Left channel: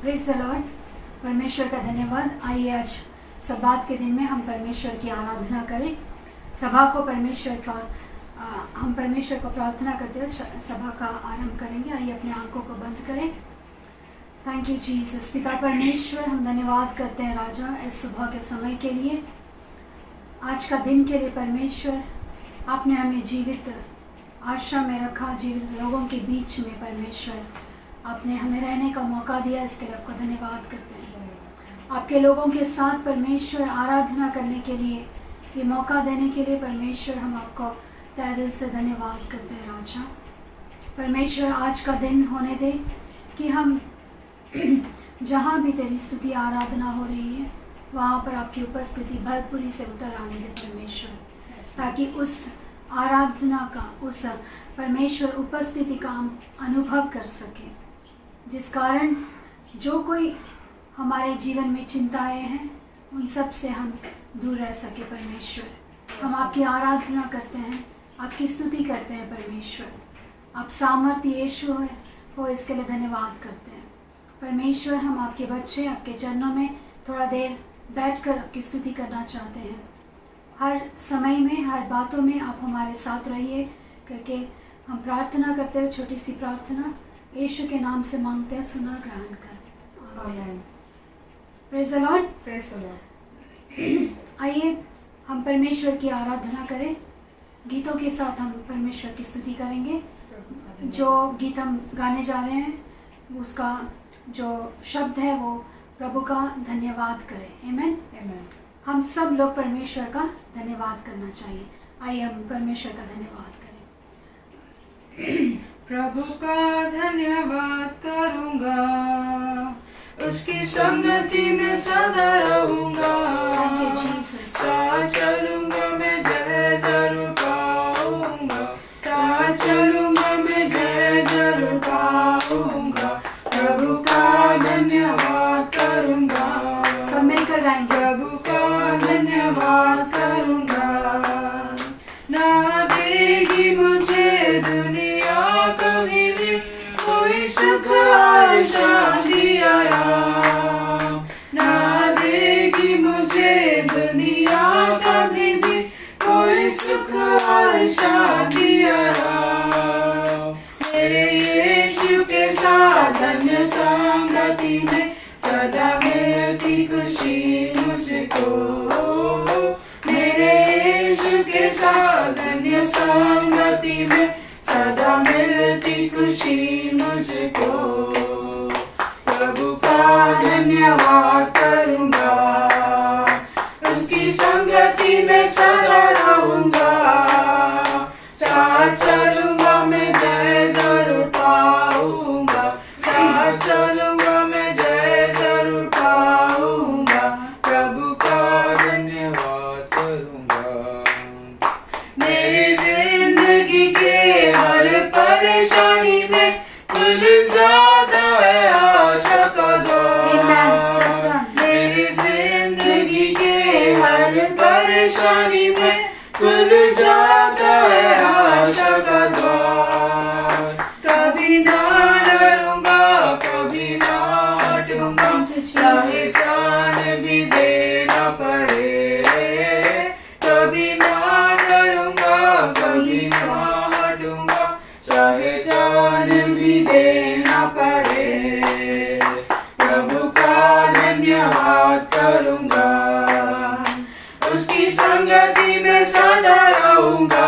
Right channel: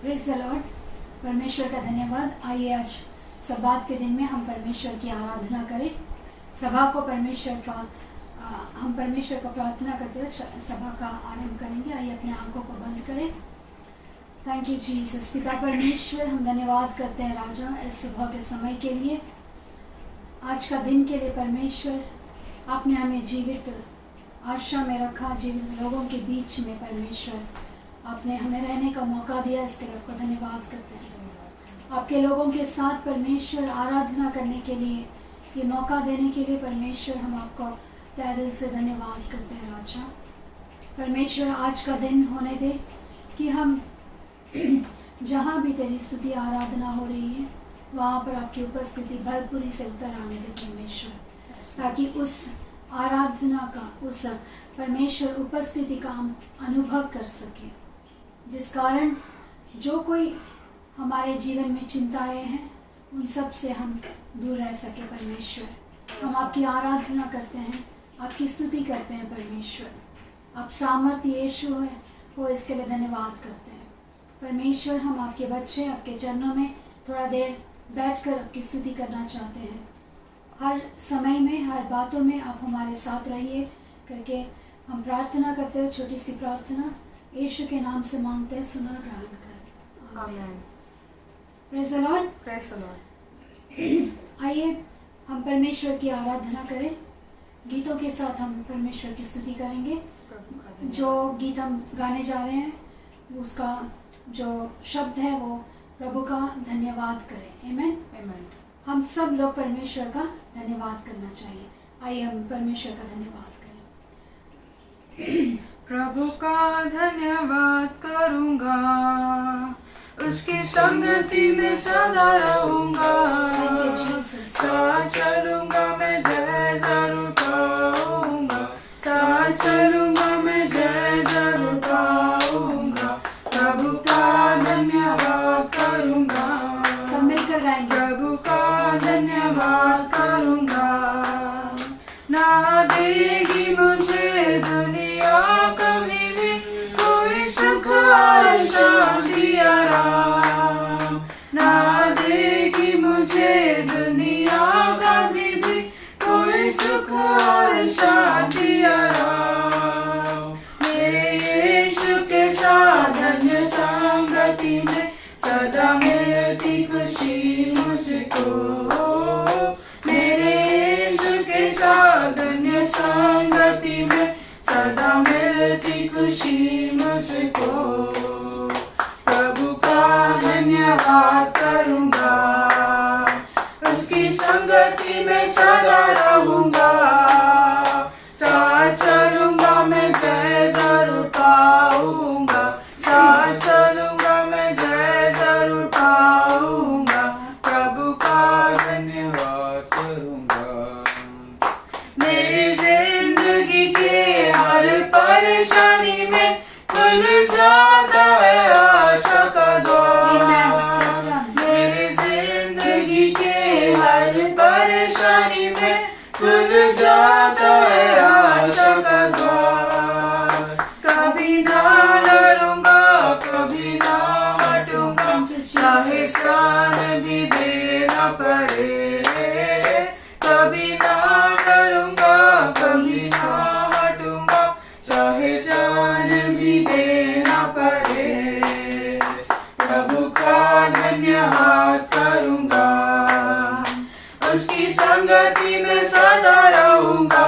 Praise the Lord. परमेश्वर का धन्यवाद। आइए आज सब्बात के दिन में हम परमेश्वर की आराधना करें। सभा को हम परमेश्वर को प्रार्थना करते हुए सभा का आरंभ करेंगे। आइए अपने आंखों को बंद करें। Thank you Jesus. पिता परमेश्वर, हम धन्यवाद करते हैं राजा इस सुबह के समय के लिए, आज का दिन के लिए। परमेश्वर, आपने हमें जीवित आश्रम में रखा, जीवित लोगों के बीच में। परमेश्वर, आपने हमें रहने का मौका दिया, इसके लिए आपको धन्यवाद करते हैं। आपके लोगों के साथ परमेश्वर आराधना करने के लिए, ये मौका देने के लिए परमेश्वर हम आपको तहे दिल से धन्यवाद करते हैं राजा। परमेश्वर, आज का दिन होने दे कि हम जहाँ भी तेरी स्तुति आराधना हो रही है वहाँ पर आपकी उपस्थिति भरपूरी से उतर आने दे परमेश्वर, ताकि उस आराधना का, उस परमेश्वर उपस्थिति का हम अनुभव कर सके, जिस कारण जो कोई हमारे जीवन में चिंताएं हैं उन सब से हम दूर रह सके। परमेश्वर, हम आपकी आराधना करते हैं, आपकी स्तुति करते हैं परमेश्वर। आप सामर्थ्य यीशु हो, इसके लिए धन्यवाद करते हैं परमेश्वर। हम आपके बच्चे आपके चरणों में थोड़ा देर बैठकर आपकी स्तुति करना चाहते हैं। हर समय में, हर बातों में आप हमारे साथ रहिए करके हम प्रार्थना करते हुए छोटी सी प्रार्थना यीशु के नाम से मांगते हैं, सुनो ग्रहण कर। आमीन। Praise the Lord. Praise the Lord. आइए हम परमेश्वर की आराधना करें। गीतों के साथ हम परमेश्वर की स्तुति करेंगे। जो गीत हम गाने जा रहे हैं उसका जो शब्द है वो प्रभु का धन्यवाद करें। आमीन। आमीन। हम सब लोग परमेश्वर का धन्यवाद करना चाहिए। आइए हम परमेश्वर का धन्यवाद करें। प्रभु का धन्यवाद करूंगा, उसकी संगति में सदा रहूंगा। साथ चलूंगा मैं, जय जरूर पाऊंगा। साथ चलूंगा मैं, जय जरूर पाऊंगा। प्रभु का धन्यवाद करूंगा। सब मिलकर गाएंगे। प्रभु का धन्यवाद करूंगा। ना देगी मुझे दुनिया कभी भी कोई सुख और शांति आराम। ना देगी मुझे दुनिया कभी भी कोई सुख और शांति आराम। मेरे यीशु के साथ धन्य संगति में सदा मिलती खुशी मुझको। मेरे यीशु के साथ धन्य संगति में सदा मिलती खुशी मुझको। प्रभु का धन्यवाद करूंगा, उसकी संगति में सदा रहूंगा। साथ चलूंगा मैं, जय जरूर पाऊंगा। साथ चलूंगा मैं, जय जरूर पाऊंगा। प्रभु का धन्यवाद करूंगा। मेरी जिंदगी के हर परेशानी में खुल जाता है आशा का द्वार। मेरी जिंदगी के हर परेशानी में खुल जाता है आशा का द्वार। कभी ना डरूंगा, कभी ना हटूंगा, चाहे जान भी देना पड़े। कभी ना डरूंगा, कभी ना हटूंगा, चाहे जान भी देना पड़े। प्रभु का धन्यवाद करूंगा, उसकी संगति में सदा रहूंगा।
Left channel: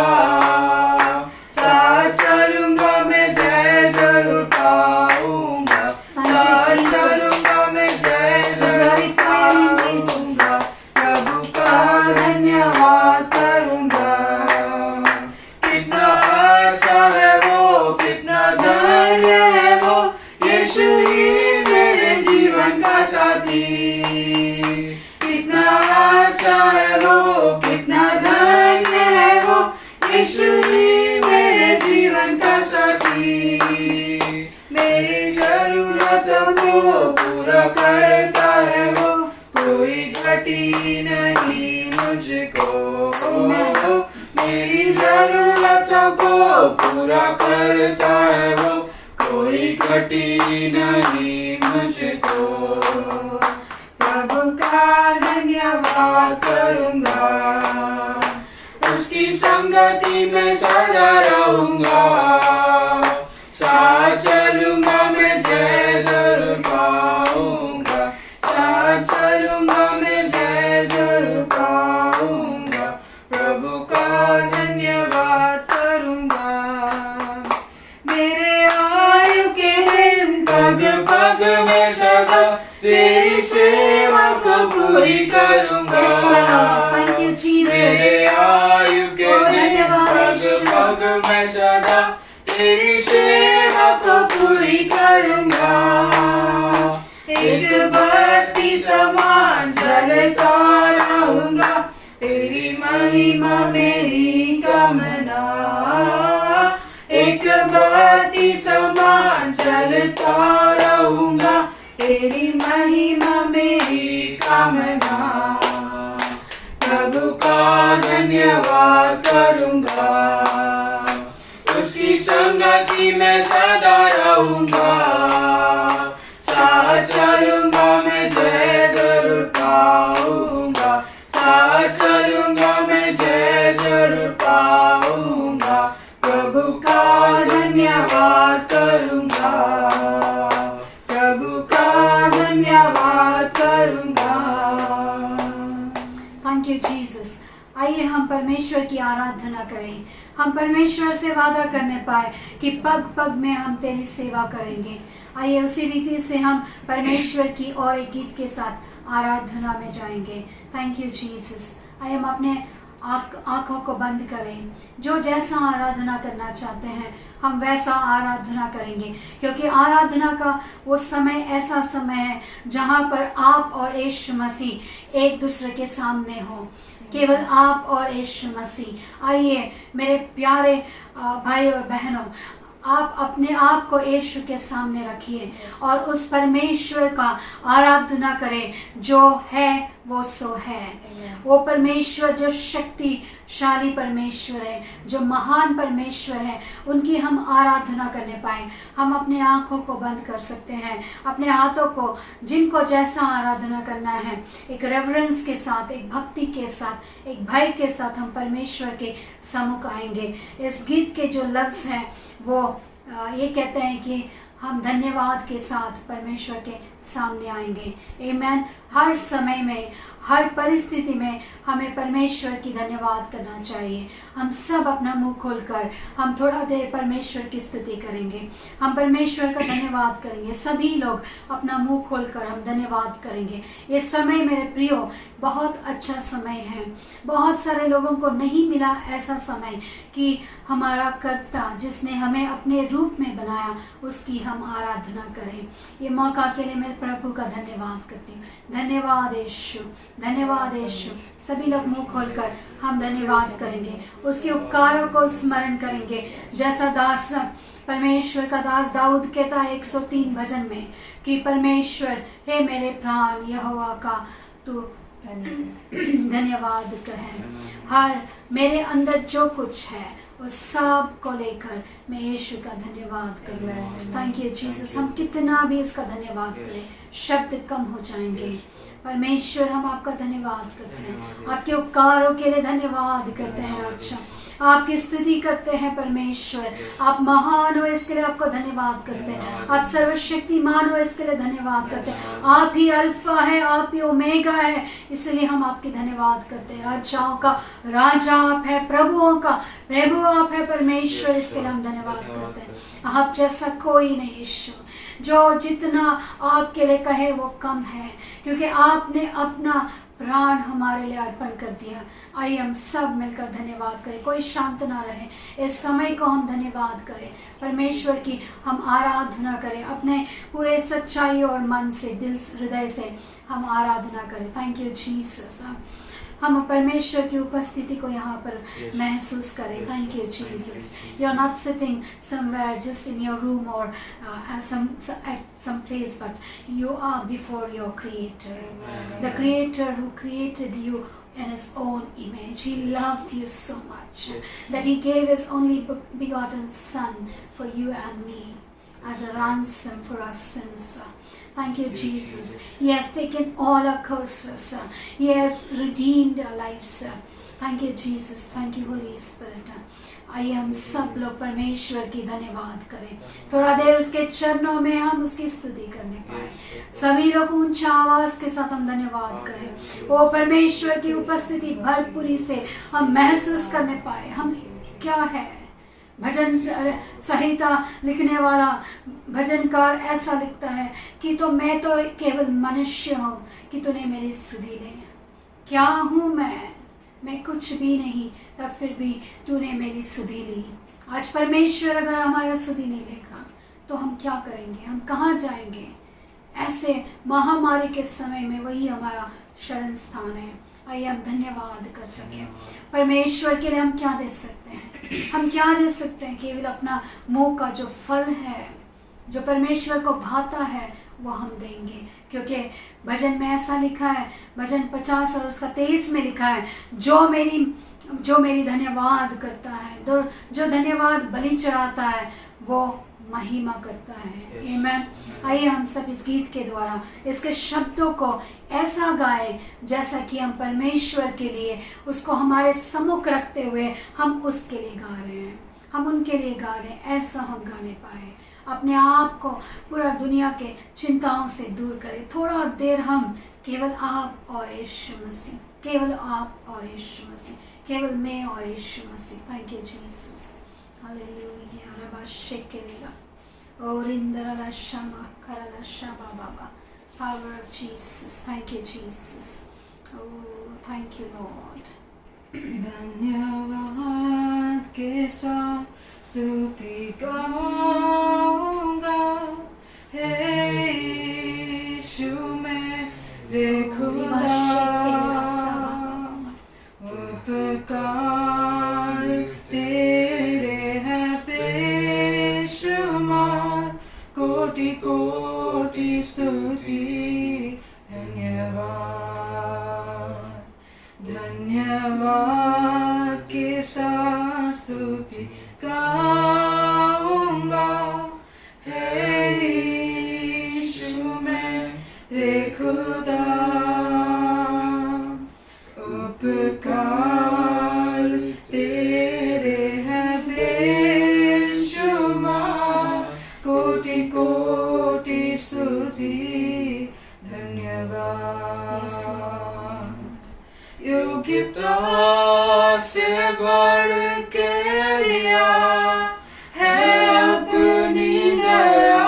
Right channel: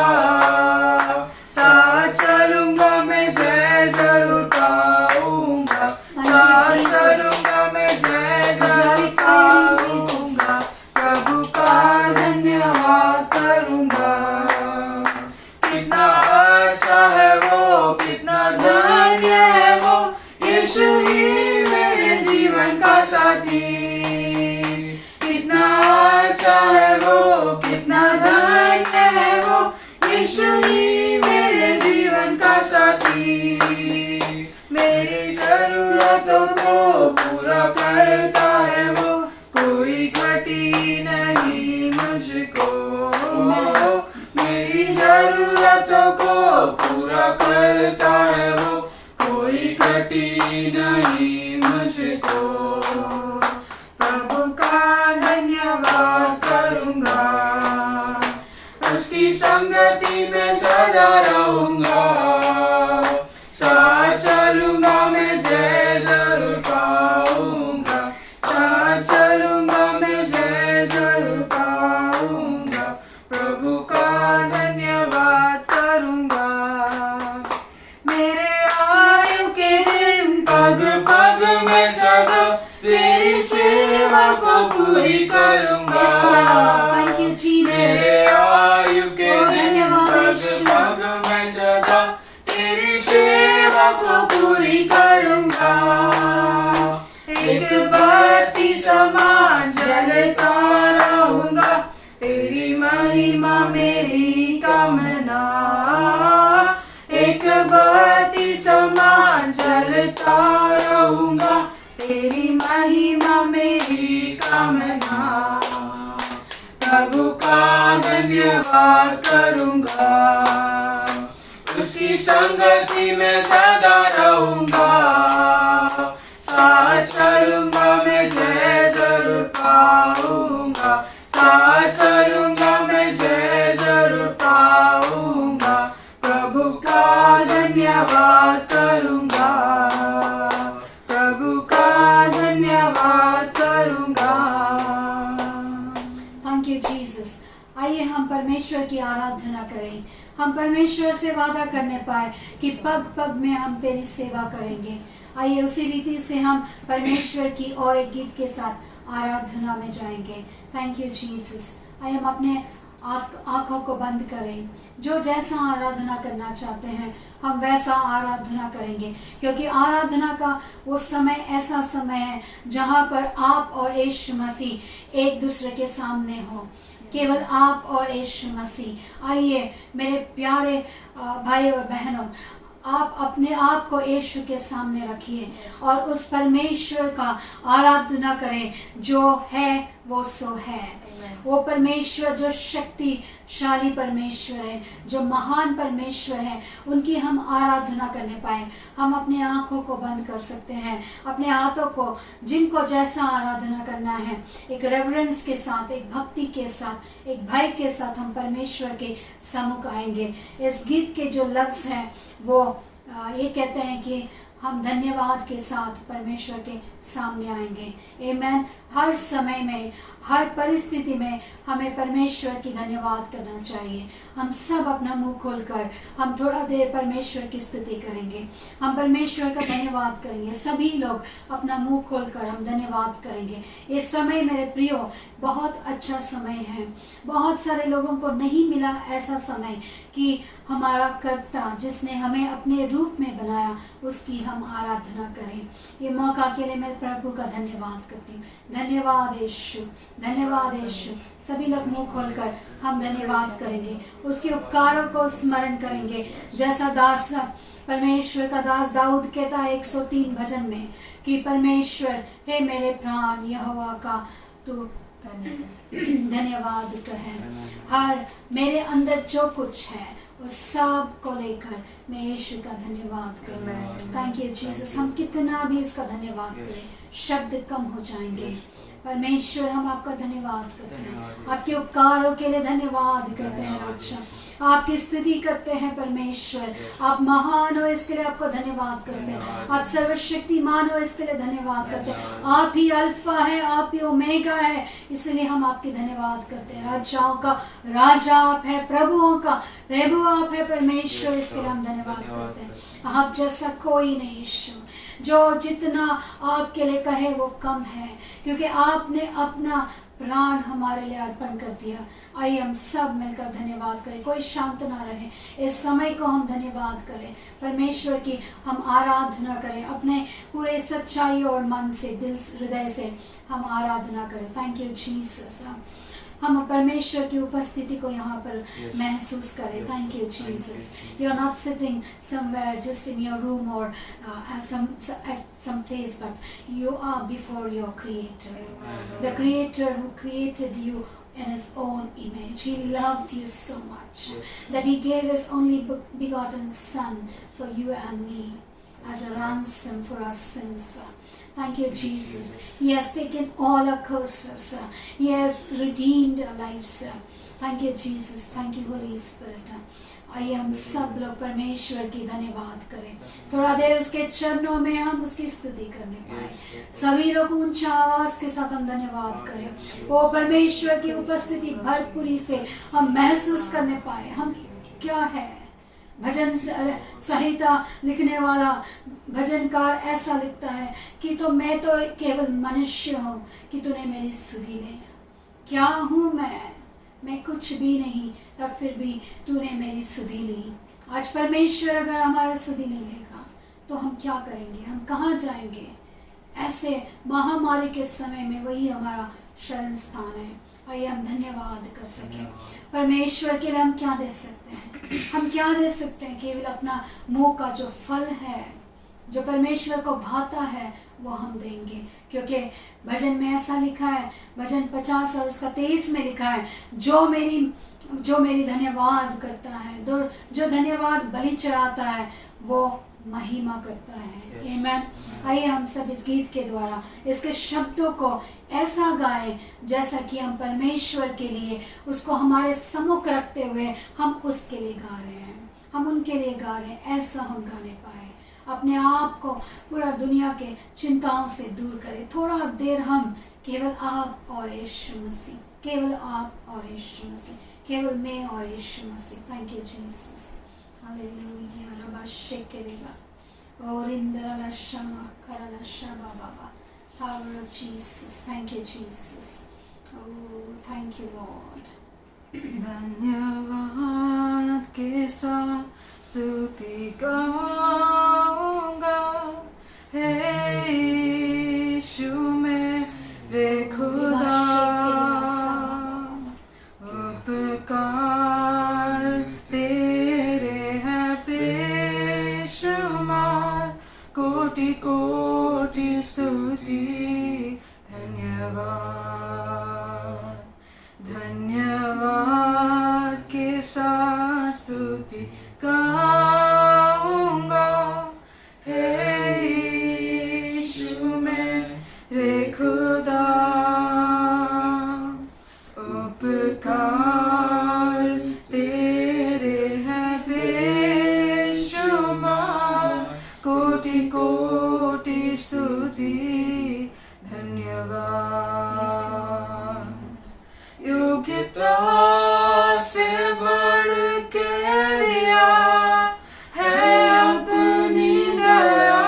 साथ चलूंगा मैं, जय जरूर पाऊंगा। साथ चलूंगा मैं, जय जरूर पाऊंगा। प्रभु का धन्यवाद करूंगा। कितना अच्छा है वो, कितना धन्य है वो, यीशु ही मेरे जीवन का साथी। कितना अच्छा है वो, कितना धन्य है वो, यीशु ही मेरे जीवन का साथी। मेरी जरूरतों को पूरा करता है वो, कोई घटी नहीं मुझको। मेरी जरूरतों को पूरा करता है वो, कोई घटी नहीं मुझको, प्रभु का धन्यवाद करूंगा, उसकी संगति में सदा रहूंगा, साथ चलूंगा मैं जय जरूर पाऊंगा, साथ चलूंगा मैं जय जरूर पाऊंगा, प्रभु का धन्यवाद करूंगा। मेरे आयु के दिन पग पग में सदा तेरी सेवा को पूरी करूंगा। Thank you, Jesus. मेरे आयु के दिन पग पग में सदा तेरी सेवा को पूरी करूंगा, एक बत्ती समान जलता रहूंगा, तेरी महिमा मेरी कामना, एक बत्ती समान जलता रहूंगा, तेरी महिमा मेरी कामना, प्रभु का धन्यवाद करूंगा, उसकी संगति में सदा रहूंगा, साथ चलूंगा मैं जय जरूर पाऊंगा, साथ चलूंगा मैं जय जरूर पाऊंगा, प्रभु का धन्यवाद करूंगा, प्रभु का धन्यवाद करूंगा। Thank you Jesus. आइए हम परमेश्वर की आराधना करें, हम परमेश्वर से वादा करने पाए कि पग पग में हम तेरी सेवा करेंगे। आइए उसी रीति से हम परमेश्वर की और एक गीत के साथ आराधना में जाएंगे। Thank you Jesus. आइए हम अपने आँखों को बंद करें, जो जैसा आराधना करना चाहते हैं हम वैसा आराधना करेंगे, क्योंकि आराधना का वो समय ऐसा समय है जहाँ पर आप और यीशु मसीह एक दूसरे के सामने हो, केवल आप और यीशु मसीह। आइए मेरे प्यारे भाई और बहनों, आप अपने आप को यीशु के सामने रखिए और उस परमेश्वर का आराधना करें जो है वो सो है। वो परमेश्वर जो शक्तिशाली परमेश्वर है, जो महान परमेश्वर है, उनकी हम आराधना करने पाए। हम अपने आँखों को बंद कर सकते हैं, अपने हाथों को, जिनको जैसा आराधना करना है, एक रेवरेंस के साथ, एक भक्ति के साथ, एक भय के साथ हम परमेश्वर के सम्मुख आएंगे। इस गीत के जो लफ्ज़ हैं वो ये कहते हैं कि हम धन्यवाद के साथ परमेश्वर के सामने आएंगे। आमीन। हर समय में, हर परिस्थिति में हमें परमेश्वर की धन्यवाद करना चाहिए। हम सब अपना मुंह खोलकर हम थोड़ा देर परमेश्वर की स्तुति करेंगे, हम परमेश्वर का धन्यवाद करेंगे। सभी लोग अपना मुंह खोलकर हम धन्यवाद करेंगे। ये समय मेरे प्रियो बहुत अच्छा समय है। बहुत सारे लोगों को नहीं मिला ऐसा समय कि हमारा कर्ता जिसने हमें अपने रूप में बनाया उसकी हम आराधना करें। ये मौका के लिए मैं प्रभु का धन्यवाद करती हूँ। धन्यवाद यीशु, धन्यवाद यीशु। सभी लोग मुंह खोलकर हम धन्यवाद करेंगे, उसके उपकारों को स्मरण करेंगे। जैसा दास परमेश्वर का दास दाऊद कहता है 103 भजन में कि परमेश्वर हे मेरे प्राण यहोवा का तू धन्यवाद कहे। हर मेरे अंदर जो कुछ है उस सब को लेकर मैं यीशु का धन्यवाद करूँ। Thank you Jesus. हम कितना भी इसका धन्यवाद करें शब्द कम हो जाएंगे। परमेश्वर हम आपका धन्यवाद करते हैं, आपके उपकारों के लिए धन्यवाद करते हैं। अच्छा आपकी स्तुति करते हैं परमेश्वर, आप महान हो इसके लिए आपको धन्यवाद करते हैं। आप सर्वशक्तिमान हो इसके लिए धन्यवाद करते हैं। आप ही अल्फा है, आप ही ओमेगा है, इसलिए हम आपकी धन्यवाद करते हैं। राजाओं का राजा आप है, प्रभुओं का प्रभु आप है परमेश्वर, इसके लिए हम धन्यवाद करते हैं। आप जैसा कोई नहीं यीशु, जो जितना आपके लिए कहे वो कम है, क्योंकि आपने अपना प्राण हमारे लिए अर्पण कर दिया। आइए हम सब मिलकर धन्यवाद करें, कोई शांत ना रहे। इस समय को हम धन्यवाद करें, परमेश्वर की हम आराधना करें, अपने पूरे सच्चाई और मन से, दिल हृदय से हम आराधना करें। Thank you Jesus. हम परमेश्वर की उपस्थिति को यहाँ पर महसूस करें। Thank you Jesus. You are not sitting somewhere just in your room और some place, but you are before your creator, the creator who created you in his own image. He loved you so much that he gave his only begotten son for you and me as a ransom for our sins. Thank you, Jesus. He has taken all our curses. He has redeemed our lives. Thank you, Jesus. Thank you, Holy Spirit. आइए हम सब लोग परमेश्वर की धन्यवाद करें, थोड़ा देर उसके चरणों में हम उसकी स्तुति करने पाए। सभी लोग ऊंचा आवाज के साथ हम धन्यवाद करें। वो परमेश्वर की उपस्थिति भरपूरी से हम महसूस करने पाए। हम क्या है, भजन संहिता लिखने वाला भजनकार ऐसा लिखता है कि तो मैं तो केवल मनुष्य हूँ कि तूने मेरी सुधि ले। क्या हूँ मैं कुछ भी नहीं, तब फिर भी तूने मेरी सुधि ली। आज परमेश्वर अगर हमारा सुधि नहीं लेगा तो हम क्या करेंगे, हम कहाँ जाएंगे? ऐसे महामारी के समय में वही हमारा शरण स्थान है। आइए हम धन्यवाद कर सकें। परमेश्वर के लिए हम क्या दे सकते हैं? हम क्या दे सकते हैं? केवल अपना मुंह का जो फल है, जो परमेश्वर को भाता है, वो हम देंगे। क्योंकि भजन में ऐसा लिखा है, भजन 50 और उसका 23 में लिखा है, जो मेरी धन्यवाद करता है, जो धन्यवाद बलि चढ़ाता है, वो महिमा करता है। आमीन। आइए हम सब इस गीत के द्वारा इसके शब्दों को ऐसा गाएं जैसा कि हम परमेश्वर के लिए उसको हमारे सम्मुख रखते हुए हम उसके लिए गा रहे हैं, हम उनके लिए गा रहे हैं। ऐसा हम गाने पाए, अपने आप को पूरा दुनिया के चिंताओं से दूर करें। थोड़ा देर हम केवल आप और यीशु मसीह, केवल आप और यीशु मसीह, केवल मैं और यीशु मसीह। Thank you Jesus. हालेलुया। रबा शेकेरेगा और इंदरा शमा करला शबा बाबा। Power of Jesus. Thank you, Jesus. Oh, thank you, Lord. धन्यवाद के साथ स्तुति गाऊंगा, हे यीशु मेरे खुदा, उपकार तेरे हैं बेशुमार, कोटि कोटि स्तुति धन्यवाद। धन्यवाद के साथ स्तुति गाऊंगा, हे यीशु मेरे खुदा, उपकार तेरे हैं बेशुमार, कोटि कोटि स्तुति धन्यवाद। योग्यता से बढ़ के दिया है अपनी दया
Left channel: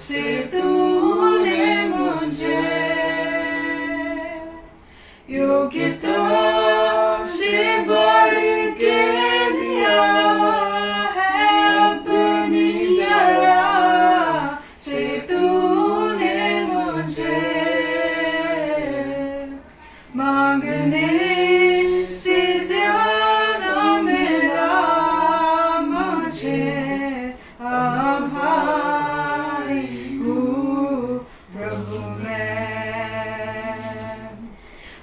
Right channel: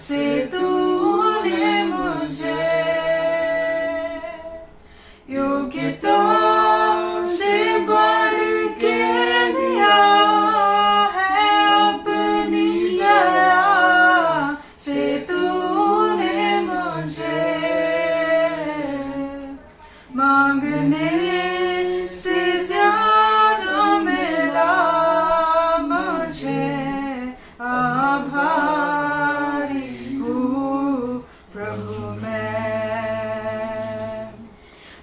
से तूने मुझे, योग्यता से बढ़ के दिया है अपनी दया से तूने मुझे, मांगने से ज्यादा मिला मुझे, आभारी हूँ प्रभु मैं,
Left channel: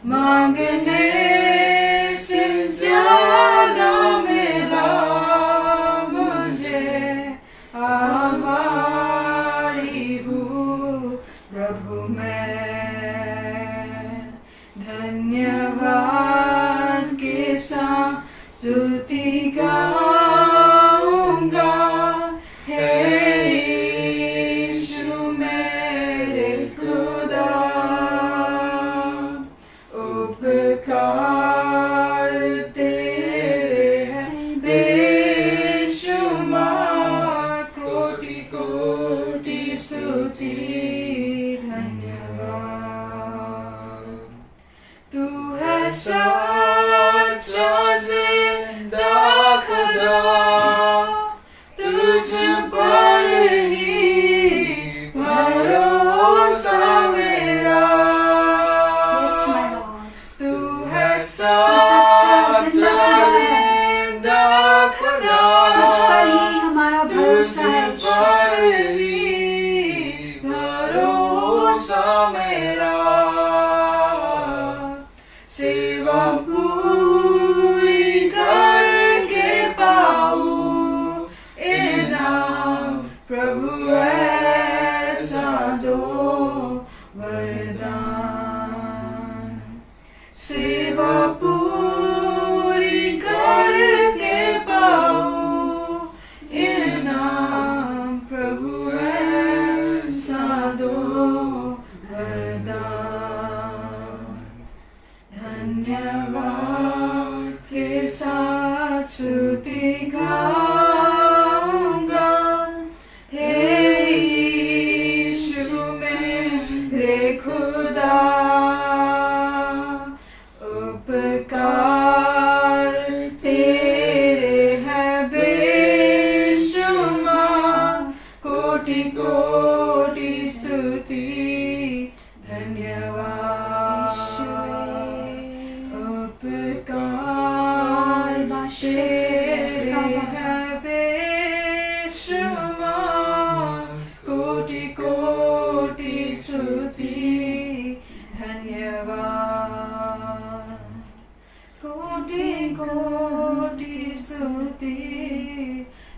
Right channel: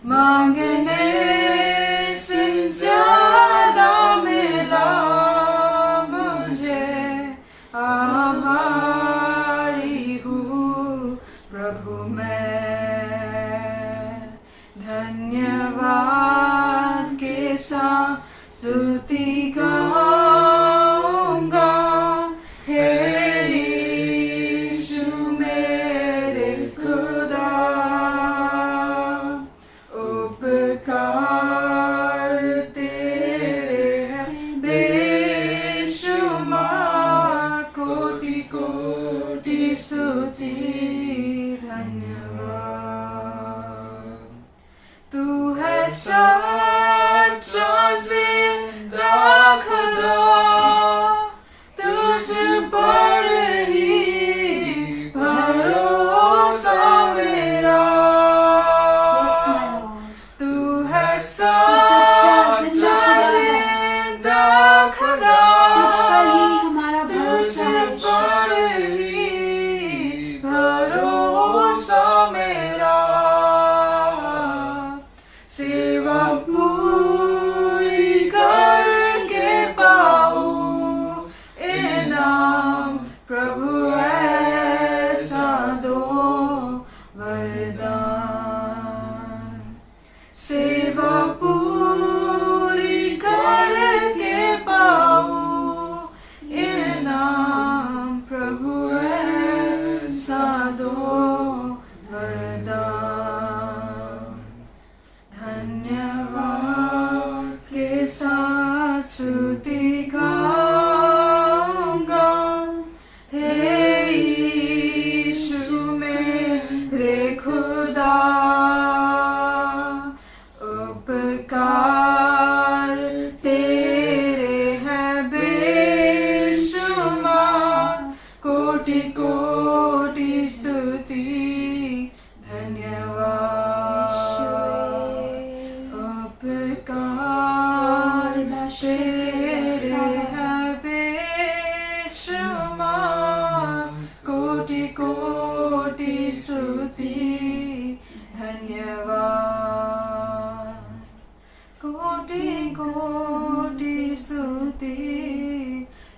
मांगने से ज्यादा मिला मुझे, आभारी हूँ प्रभु मैं। धन्यवाद के साथ स्तुति गाऊंगा, हे यीशु मेरे खुदा, उपकार तेरे हैं बेशुमार, कोटि कोटि स्तुति धन्यवाद। तू है सच्चा जिंदा खुदा, तुझ पर ही भरोसा मेरा। Yes, my Lord. तू है सच्चा जिंदा खुदा, तुझ पर ही हमारा भरोसा है। तुझ पर ही वरदान। सेवा पूरी करके पाऊं इनाम, प्रभु ऐसा दो वरदान। धन्यवाद के साथ स्तुति गाऊंगा, हे यीशु मेरे खुदा। उपकार तेरे हैं बेशुमार, कोटि कोटि स्तुति धन्यवाद। उपकार तेरे हैं बेशुमार, कोटि कोटि स्तुति धन्यवाद। कोटि कोटि स्तुति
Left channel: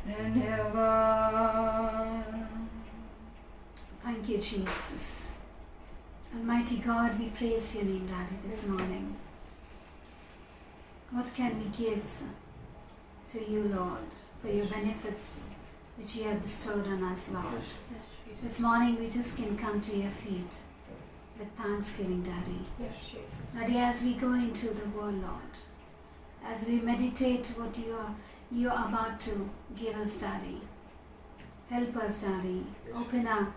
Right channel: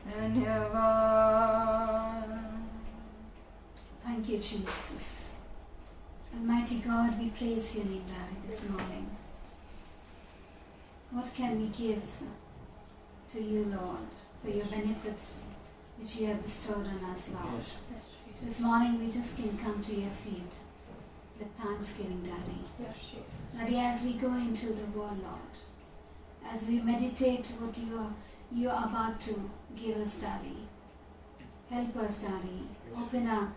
धन्यवाद। Thank you, Jesus. Almighty God, we praise your name, Daddy, this morning. What can we give to you, Lord, for your benefits which you have bestowed on us, Lord? This morning we just can come to your feet with thanksgiving, Daddy. Daddy, as we go into the word, Lord, as we meditate what you are about to give us, Daddy, help us, Daddy. Open our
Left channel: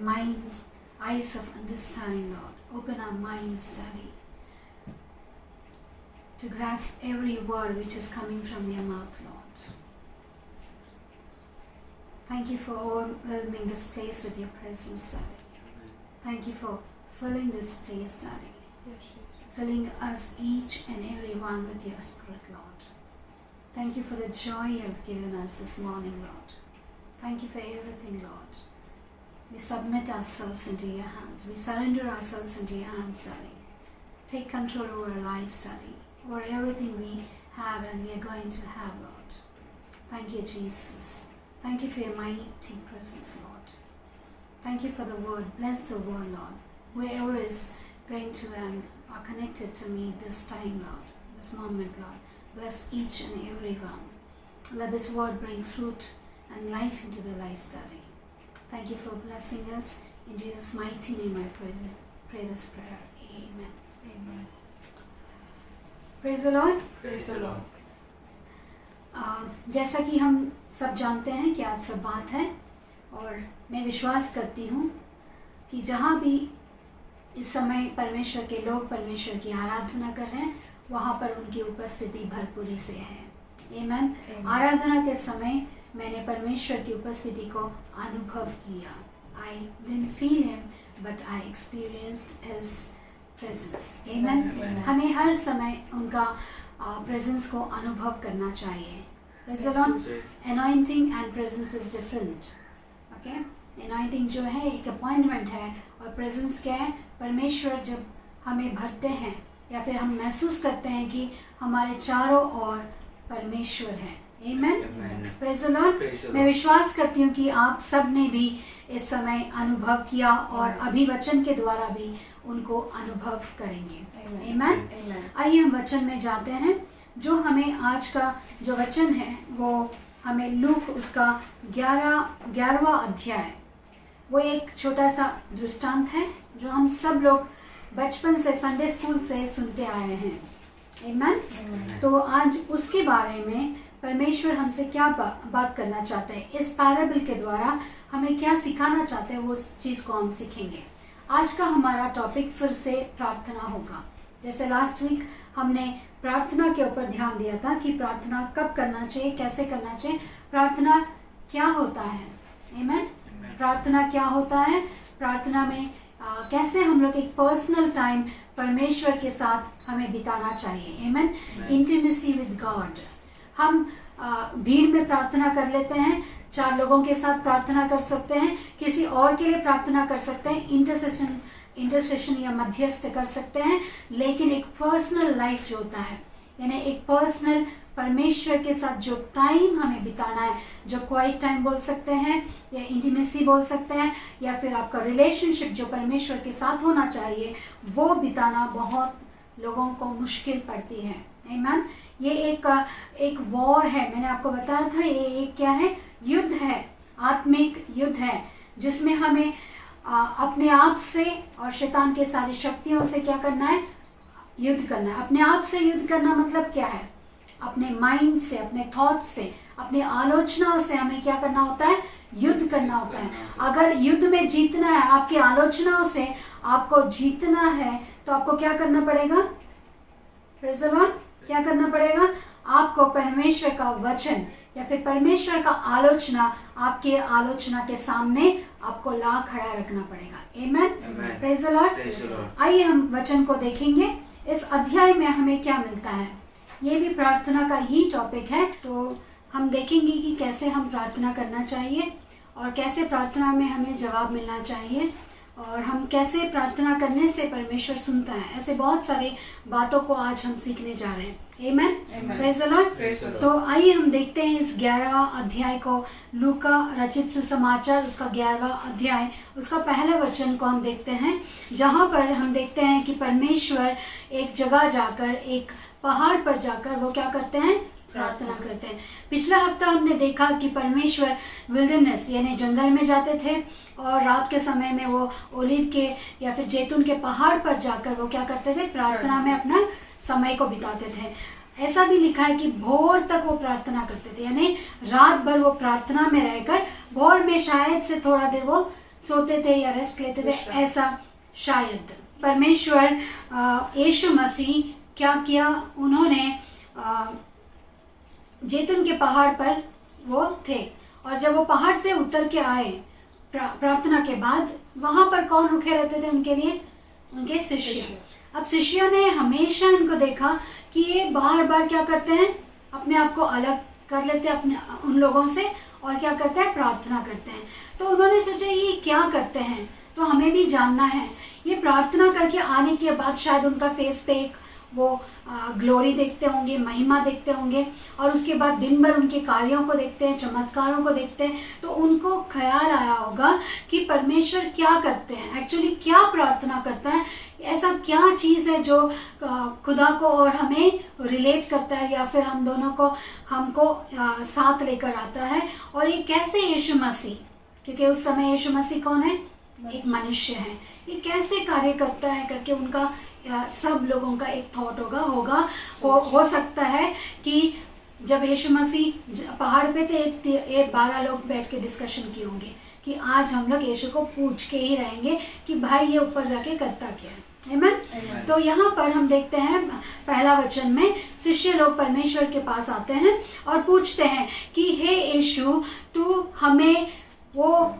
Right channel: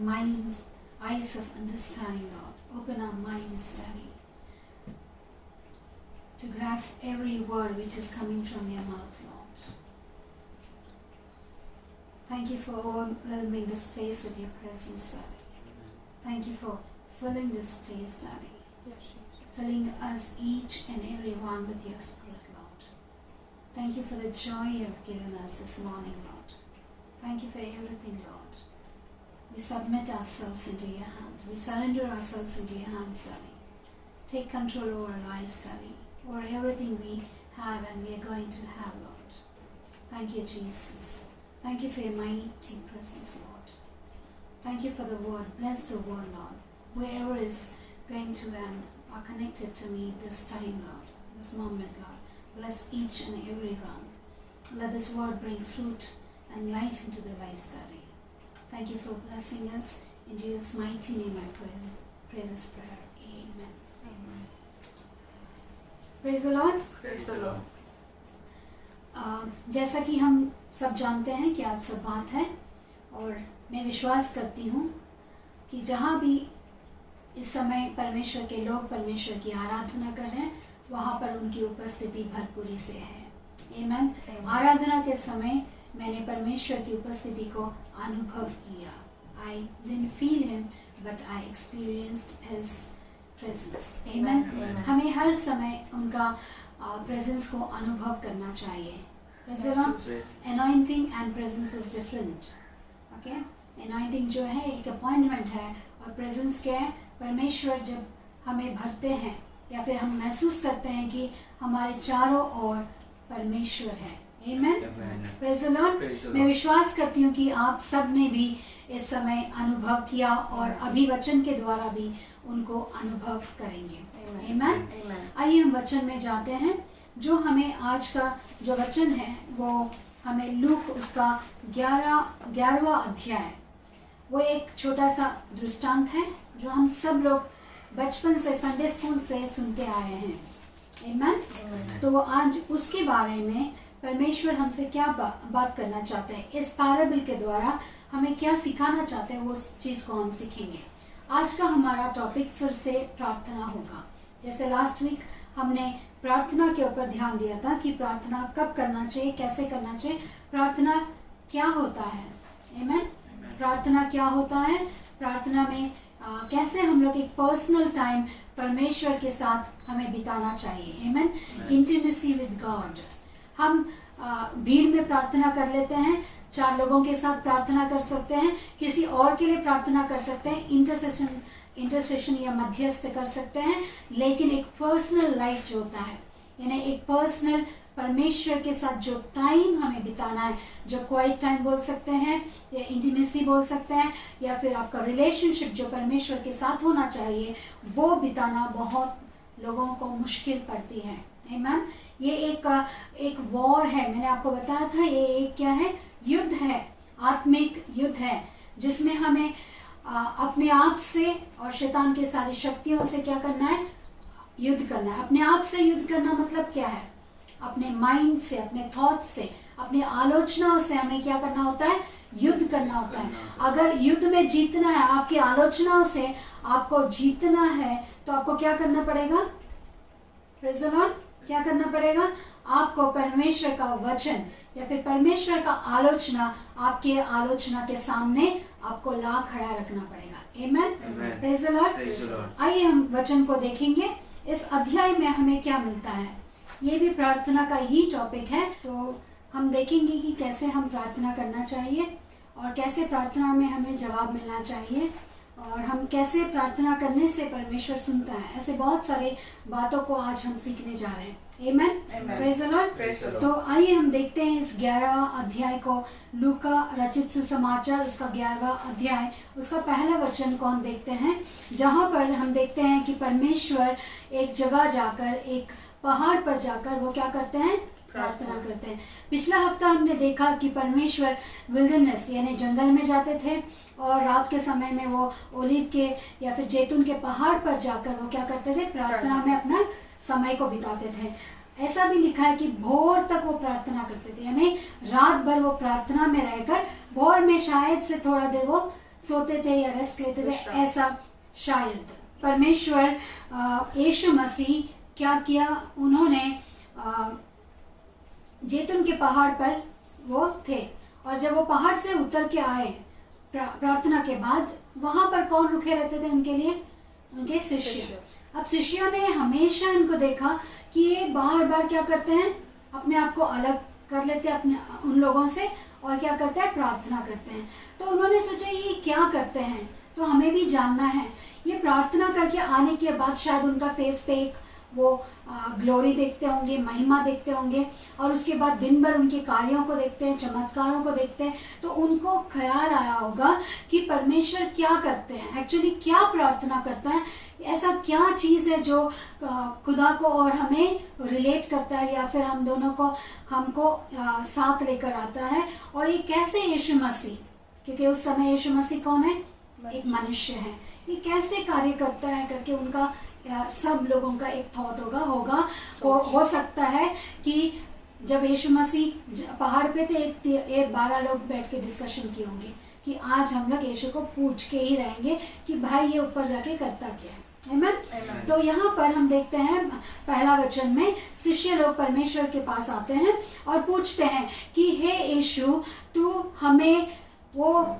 minds, eyes of understanding, Lord. Open our minds, Daddy, to grasp every word which is coming from your mouth, Lord. Thank you for overwhelming this place with your presence, Daddy. Thank you for filling this place, Daddy. Filling us each and every one with your Spirit, Lord. Thank you for the joy you have given us this morning, Lord. Thank you for everything, Lord. We submit ourselves into your hands. We surrender ourselves into your hands, Daddy. Take control over our lives, Daddy, over everything we have and we are going to have, Lord. Thank you, Jesus. Thank you for your mighty presence, Lord. Thank you for the word. Bless the word, Lord. Whoever is going to and are connected to me this time, Lord, this moment, Lord, bless each and every one. Let this word bring fruit and life into their lives, Daddy. Thank you for blessing us. In Jesus' mighty name I pray this prayer. Amen. Amen. Praise the Lord. Praise the Lord. जैसा कि हम सब जानते हैं कि आज सब बात है और मैं विश्वास करती हूँ कि जहाँ भी इस समय परमेश्वर के लोग परमेश्वर की आराधना कर रहे हैं वहाँ पर उनकी उपस्थिति भरपूरी से है। आमीन। आराधना के समय मैंने परमेश्वर की उपस्थिति को अनुभव किया। I didn't feel him, but I experienced his presence. Amen. हमें हर समय उनका presence को अनुभव करना चाहिए। Praise the Lord. Anointing and presence is different. Okay? Anointing जो है एक appointment है और presence क्या है? परमेश्वर जब हमें भरते हैं या फिर हम महसूस करते हैं कि हमारे चारों ओर परमेश्वर है। Amen. Praise the Lord. मैं विश्वास करती हूँ कि आप सब ने भी इस समय अनुभव किया और अभी वचन के द्वारा भी उनको अनुभव करेंगे। Amen. आइए हम वचन में जाते हैं। जो हमें आज का जो वचन है वो हमें लूक उसका 11वां अध्याय, वो एक छोटा सा दृष्टांत है जो हम सब लोग बचपन से संडे स्कूल से सुनते आए हैं। Amen. तो आज उसके बारे में परमेश्वर हमसे क्या बात करना चाहते हैं, इस पैराबल के द्वारा हमें क्या सिखाना चाहते हैं, वो चीज़ को हम सीखेंगे। आज का हमारा टॉपिक फिर से प्रार्थना होगा। जैसे लास्ट वीक हमने प्रार्थना के ऊपर ध्यान दिया था कि प्रार्थना कब करना चाहिए, कैसे करना चाहिए, प्रार्थना क्या होता है। आमीन। प्रार्थना क्या होता है, प्रार्थना में कैसे हम लोग एक पर्सनल टाइम परमेश्वर के साथ हमें बिताना चाहिए। आमीन। Intimacy with God. हम भीड़ में प्रार्थना कर लेते हैं, 4 लोगों के साथ प्रार्थना कर सकते हैं, किसी और के लिए प्रार्थना कर सकते हैं, इंटरसेशन या मध्यस्थ कर सकते हैं, लेकिन एक पर्सनल लाइफ जो होता है, यानी एक पर्सनल परमेश्वर के साथ जो टाइम हमें बिताना है, जो क्वाइट टाइम बोल सकते हैं या इंटीमेसी बोल सकते हैं, या फिर आपका रिलेशनशिप जो परमेश्वर के साथ होना चाहिए, वो बिताना बहुत लोगों को मुश्किल पड़ती है। आमीन। ये एक वॉर है, मैंने आपको बताया था, ये एक क्या है, युद्ध है, आत्मिक युद्ध है, जिसमें हमें अपने आप से और शैतान के सारी शक्तियों से क्या करना है, युद्ध करना है। अपने आप से युद्ध करना मतलब क्या है, अपने माइंड से, अपने थॉट से, अपनी आलोचनाओं से हमें क्या करना होता है, युद्ध करना होता है। अगर युद्ध में जीतना है, आपकी आलोचनाओं से आपको जीतना है, तो आपको क्या करना पड़ेगा, प्रेज़ द लॉर्ड, क्या करना पड़ेगा, आपको परमेश्वर का वचन या फिर परमेश्वर का आलोचना आपके आलोचना के सामने आपको ला खड़ा रखना पड़ेगा। आमीन, प्रेज़ द लॉर्ड। आइए हम वचन को देखेंगे। इस अध्याय में हमें क्या मिलता है, ये भी प्रार्थना का ही टॉपिक है। तो हम देखेंगे कि कैसे हम प्रार्थना करना चाहिए और कैसे प्रार्थना में हमें जवाब मिलना चाहिए, और हम कैसे प्रार्थना करने से परमेश्वर सुनता है। ऐसे बहुत सारे बातों को आज हम सीखने जा रहे हैं। आमीन, प्रेज़ द लॉर्ड। तो आइए हम देखते हैं इस 11वां अध्याय को, लूका रचित सुसमाचार उसका 11वां अध्याय, उसका पहला वचन को हम देखते हैं, जहाँ पर हम देखते हैं कि परमेश्वर एक जगह जाकर, एक पहाड़ पर जाकर वो क्या करते हैं, प्रार्थना करते हैं। पिछला हफ्ता हमने देखा कि परमेश्वर विल्डरनेस यानी जंगल में जाते थे, और रात के समय में वो ओलिव के या फिर जैतून के पहाड़ पर जाकर वो क्या करते थे, प्रार्थना में अपना समय को बिताते थे। ऐसा भी लिखा है कि भोर तक वो प्रार्थना करते थे, यानी रात भर वो प्रार्थना में रहकर भोर में शायद से थोड़ा देर वो सोते थे या रेस्ट लेते थे, ऐसा शायद। परमेश्वर यीशु मसीह क्या किया, उन्होंने जैतून के पहाड़ पर वो थे, और जब वो पहाड़ से उतर के आए प्रार्थना के बाद, वहां पर कौन रुके रहते थे उनके लिए, उनके शिष्य। अब शिष्यों ने हमेशा इनको देखा कि ये बार बार क्या करते हैं, अपने आप को अलग कर लेते हैं अपने उन लोगों से, और क्या करते हैं, प्रार्थना करते हैं। तो उन्होंने सोचा ये क्या करते हैं, तो हमें भी जानना है। ये प्रार्थना करके आने के बाद शायद उनका फेस पे एक वो ग्लोरी देखते होंगे, महिमा देखते होंगे, और उसके बाद दिन भर उनके कार्यों को देखते हैं, चमत्कारों को देखते हैं, तो उनको ख्याल आया होगा कि परमेश्वर क्या करते हैं, एक्चुअली क्या प्रार्थना करता है, ऐसा क्या चीज़ है जो खुदा को और हमें रिलेट करता है, या फिर हम दोनों को हमको साथ लेकर आता है। और ये कैसे यीशु मसीह, क्योंकि उस समय यीशु मसीह कौन है, एक मनुष्य है, ये कैसे कार्य करता है करके उनका सब लोगों का एक थॉट होगा हो सकता है कि जब यीशु मसीह पहाड़ पे थे, 12 लोग बैठ के डिस्कशन किए होंगे कि आज हम लोग यीशु को पूछ के ही रहेंगे कि भाई ये ऊपर जाके करता क्या है। आमीन। तो यहाँ पर हम देखते हैं पहला वचन में, शिष्य लोग परमेश्वर के पास आते हैं और पूछते हैं कि हे यीशु, तू हमें वो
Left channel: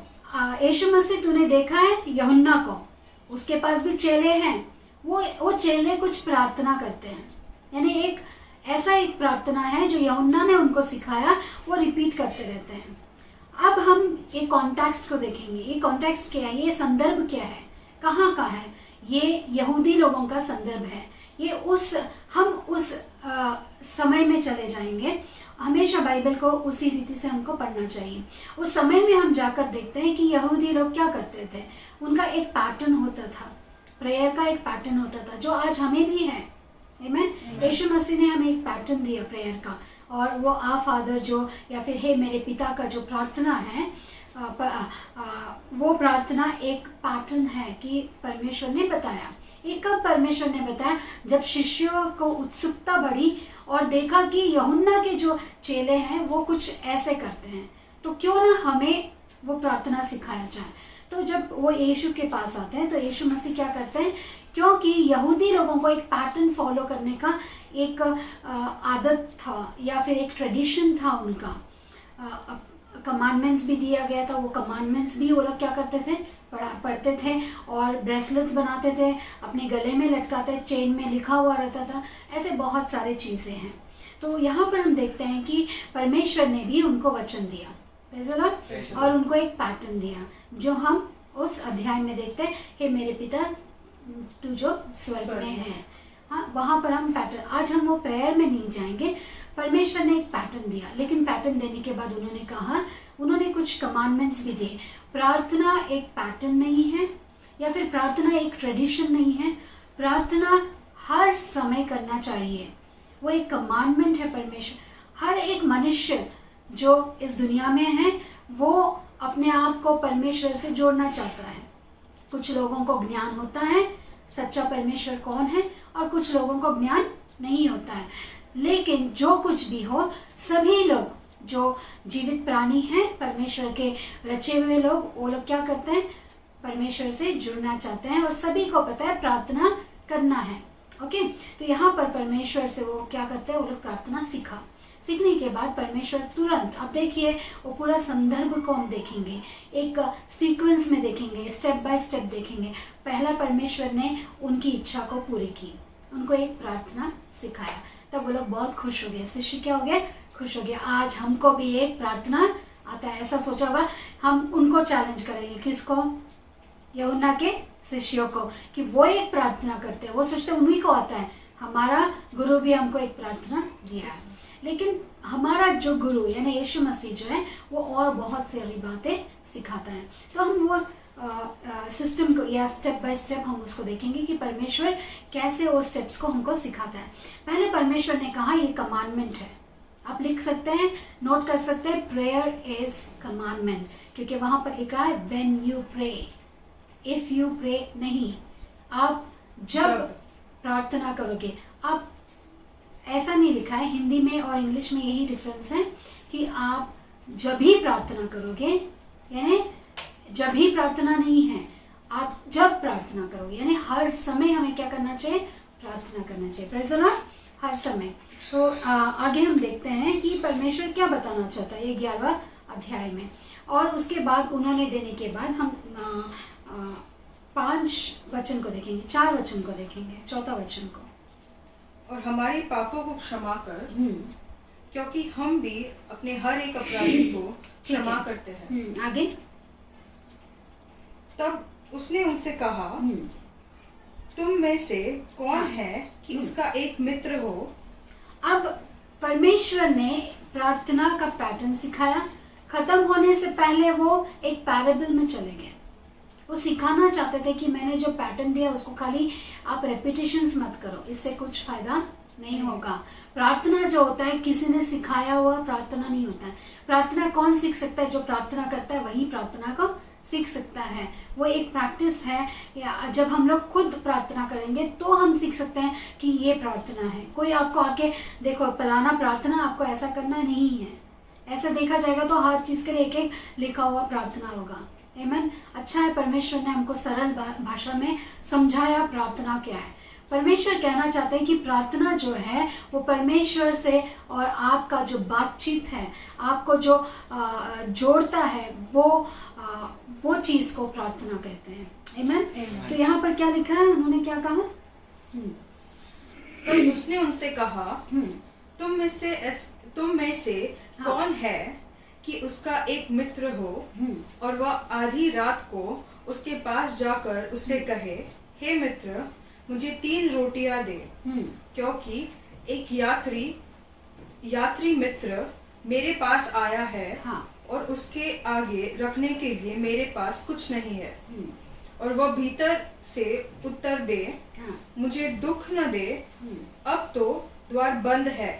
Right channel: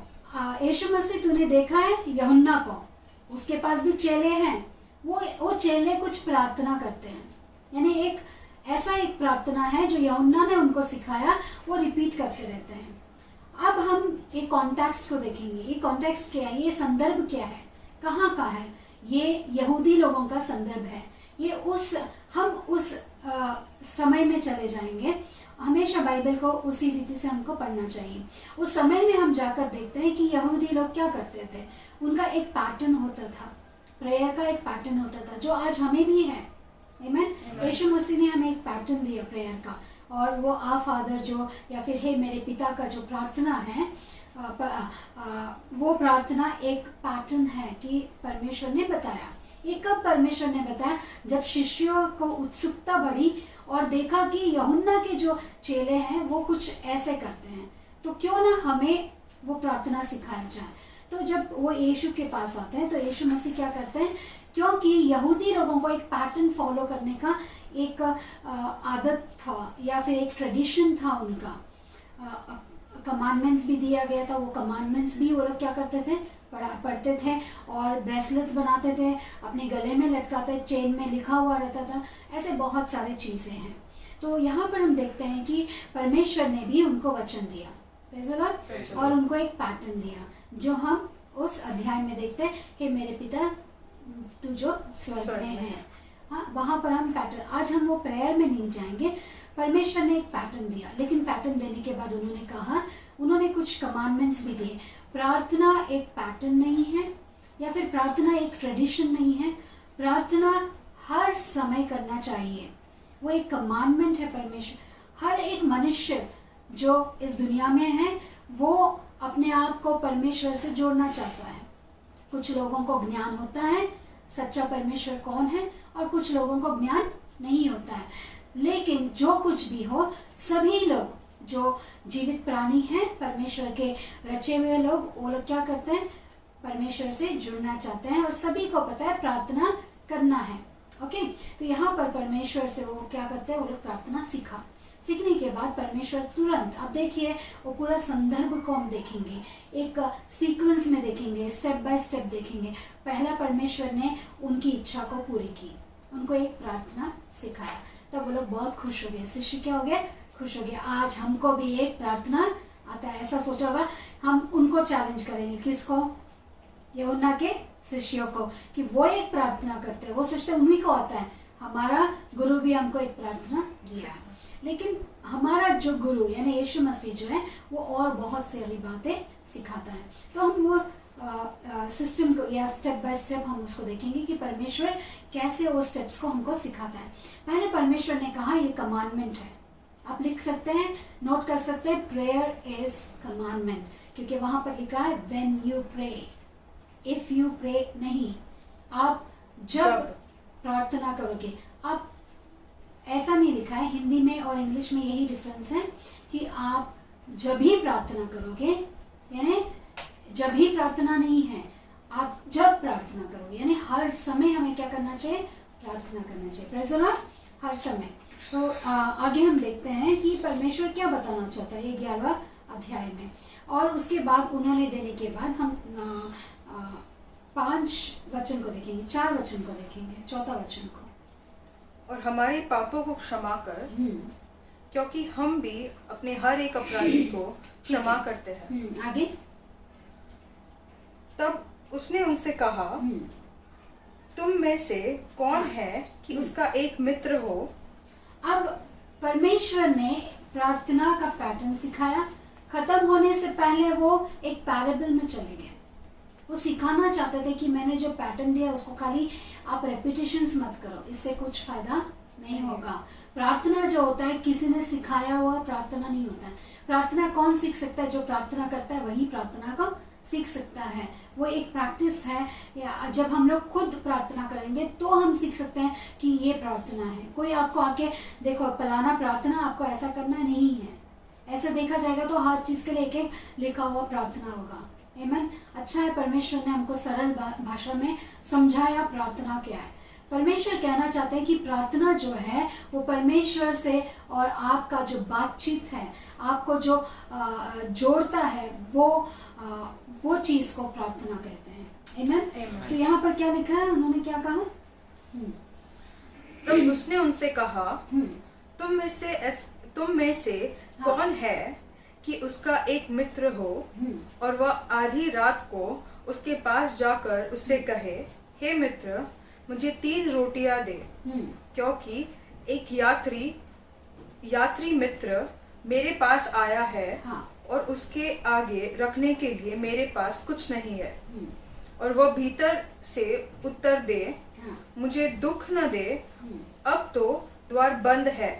यीशु मसीह तूने देखा है यूहन्ना को, उसके पास भी चेले हैं, वो चेले कुछ प्रार्थना करते हैं, यानी एक ऐसा एक प्रार्थना है जो यूहन्ना ने उनको सिखाया, वो रिपीट करते रहते हैं। अब हम एक कॉन्टेक्स्ट को देखेंगे, ये कॉन्टेक्स्ट क्या है, ये संदर्भ क्या है, कहाँ का है, ये यहूदी लोगों का संदर्भ है। ये हम उस समय में चले जाएंगे। हमेशा बाइबल को उसी रीति से हमको पढ़ना चाहिए। उस समय में हम जाकर देखते हैं कि यहूदी लोग क्या करते थे, उनका एक पैटर्न होता था, प्रेयर का एक पैटर्न होता था, जो आज हमें भी है। आमीन। यीशु मसीह ने हमें एक पैटर्न दिया प्रेयर का, और वो आ फादर जो, या फिर हे मेरे पिता का जो प्रार्थना है, वो प्रार्थना एक पैटर्न है कि परमेश्वर ने बताया। ये कब परमेश्वर ने बताया, जब शिष्यों को उत्सुकता बढ़ी और देखा कि यूहन्ना के जो चेले हैं वो कुछ ऐसे करते हैं, तो क्यों ना हमें वो प्रार्थना सिखाया जाए। तो जब वो यीशु के पास आते हैं, तो यीशु मसीह क्या करते हैं, क्योंकि यहूदी लोगों को एक पैटर्न फॉलो करने का एक आदत था, या फिर एक ट्रेडिशन था उनका, कमांडमेंट्स भी दिया गया था, वो कमांडमेंट्स भी वो लोग क्या करते थे, पढ़ते थे, और ब्रेसलेट्स बनाते थे, अपने गले में लटकाते, चेन में लिखा हुआ रहता था, ऐसे बहुत सारे चीज़ें हैं। तो यहाँ पर हम देखते हैं कि परमेश्वर ने भी उनको वचन दिया, प्रेज़ द लॉर्ड, और उनको एक पैटर्न दिया, जो हम उस अध्याय में देखते हैं, हे मेरे पिता तू जो स्वर्ग में है। हाँ, वहाँ पर हम पैटर्न, आज हम वो प्रेयर में नहीं जाएंगे, परमेश्वर ने एक पैटर्न दिया, लेकिन पैटर्न देने के बाद उन्होंने कहा, उन्होंने कुछ कमांडमेंट्स भी दिए। प्रार्थना एक पैटर्न नहीं है, या फिर प्रार्थना एक ट्रेडिशन नहीं है। प्रार्थना हर समय करना चाहिए, वो एक कमांडमेंट है परमेश्वर। हर एक मनुष्य जो इस दुनिया में है वो अपने आप को परमेश्वर से जोड़ना चाहता है। कुछ लोगों को ज्ञान होता है सच्चा परमेश्वर कौन है, और कुछ लोगों को ज्ञान नहीं होता है। लेकिन जो कुछ भी हो, सभी लोग जो जीवित प्राणी हैं, परमेश्वर के रचे हुए लोग, वो लोग क्या करते हैं, परमेश्वर से जुड़ना चाहते हैं, और सभी को पता है प्रार्थना करना है। ओके, तो यहाँ पर परमेश्वर से वो क्या करते हैं, वो लोग प्रार्थना सीखने के बाद परमेश्वर तुरंत, अब देखिए वो पूरा संदर्भ को हम देखेंगे, एक सीक्वेंस में देखेंगे, स्टेप बाय स्टेप देखेंगे। पहला परमेश्वर ने उनकी इच्छा को पूरी की, उनको एक प्रार्थना सिखाया, तब वो लोग बहुत खुश हो गए। शिष्य क्या हो गए, खुश हो गए। आज हमको भी एक प्रार्थना आता है, ऐसा सोचा होगा। हम उनको चैलेंज करेंगे, किसको, यूहन्ना के शिष्यों को, कि वो एक प्रार्थना करते हैं, वो सोचते उन्हीं को आता है। हमारा गुरु भी हमको एक प्रार्थना दिया है, लेकिन हमारा जो गुरु यानी यीशु मसीह जो है वो और बहुत सारी बातें सिखाता है। तो हम वो सिस्टम को या स्टेप बाय स्टेप हम उसको देखेंगे कि परमेश्वर कैसे वो स्टेप्स को हमको सिखाता है। पहले परमेश्वर ने कहा ये कमांडमेंट है, आप लिख सकते हैं, नोट कर सकते हैं, प्रेयर इज कमांडमेंट, क्योंकि वहां पर लिखा है when you pray, if you pray नहीं, आप जब प्रार्थना करोगे। आप ऐसा नहीं लिखा है, हिंदी में और इंग्लिश में यही डिफरेंस है कि आप जब ही प्रार्थना करोगे, यानी जब ही प्रार्थना नहीं है, आप जब प्रार्थना करोगे, यानी हर समय हमें क्या करना चाहिए, प्रार्थना करना चाहिए। प्रेज़ द लॉर्ड, हर समय। तो आगे हम देखते हैं कि परमेश्वर क्या बताना चाहता है ये 11वां अध्याय में, और उसके बाद उन्होंने देने के बाद हम 5 वचन को देखेंगे, 4 वचन को देखेंगे, 4था वचन को। और हमारे पापों को क्षमा कर, क्योंकि हम भी अपने हर एक अपराधी को क्षमा करते हैं। आगे। तब उसने उनसे कहा, तुम में से कौन है कि उसका एक मित्र हो। अब परमेश्वर ने प्रार्थना का पैटर्न सिखाया। खत्म होने से पहले वो एक पैराबल में चले गए। वो सिखाना चाहते थे कि मैंने जो पैटर्न दिया उसको खाली आप रेपिटेशंस मत करो, इससे कुछ फायदा नहीं होगा। प्रार्थना जो होता है किसी ने सिखाया हुआ प्रार्थना नहीं होता है। प्रार्थना कौन सीख सकता है, जो प्रार्थना करता है वही प्रार्थना को सीख सकता है। वो एक प्रैक्टिस है, या जब हम लोग खुद प्रार्थना करेंगे तो हम सीख सकते हैं कि ये प्रार्थना है। कोई आपको आके देखो फलाना प्रार्थना आपको ऐसा करना नहीं है, ऐसे देखा जाएगा तो हर चीज के लिए एक एक लिखा हुआ प्रार्थना होगा। आमीन। अच्छा है परमेश्वर ने हमको सरल भाषा में समझाया प्रार्थना क्या है। परमेश्वर कहना चाहते हैं कि प्रार्थना जो है वो परमेश्वर से और आपका जो बातचीत है, आपको जो जोड़ता है, वो चीज को प्रार्थना कहते हैं। आमीन। तो यहाँ पर क्या लिखा है, उन्होंने क्या कहा? तो उसने उनसे कहा, तुम में से कौन है कि उसका एक मित्र हो और वह आधी रात को उसके पास जाकर उससे कहे, हे मित्र, मुझे 3 रोटियां दे, क्योंकि एक यात्री मित्र मेरे पास आया है और उसके आगे रखने के लिए मेरे पास कुछ नहीं है। और वह भीतर से उत्तर दे, मुझे दुख न दे, अब तो द्वार बंद है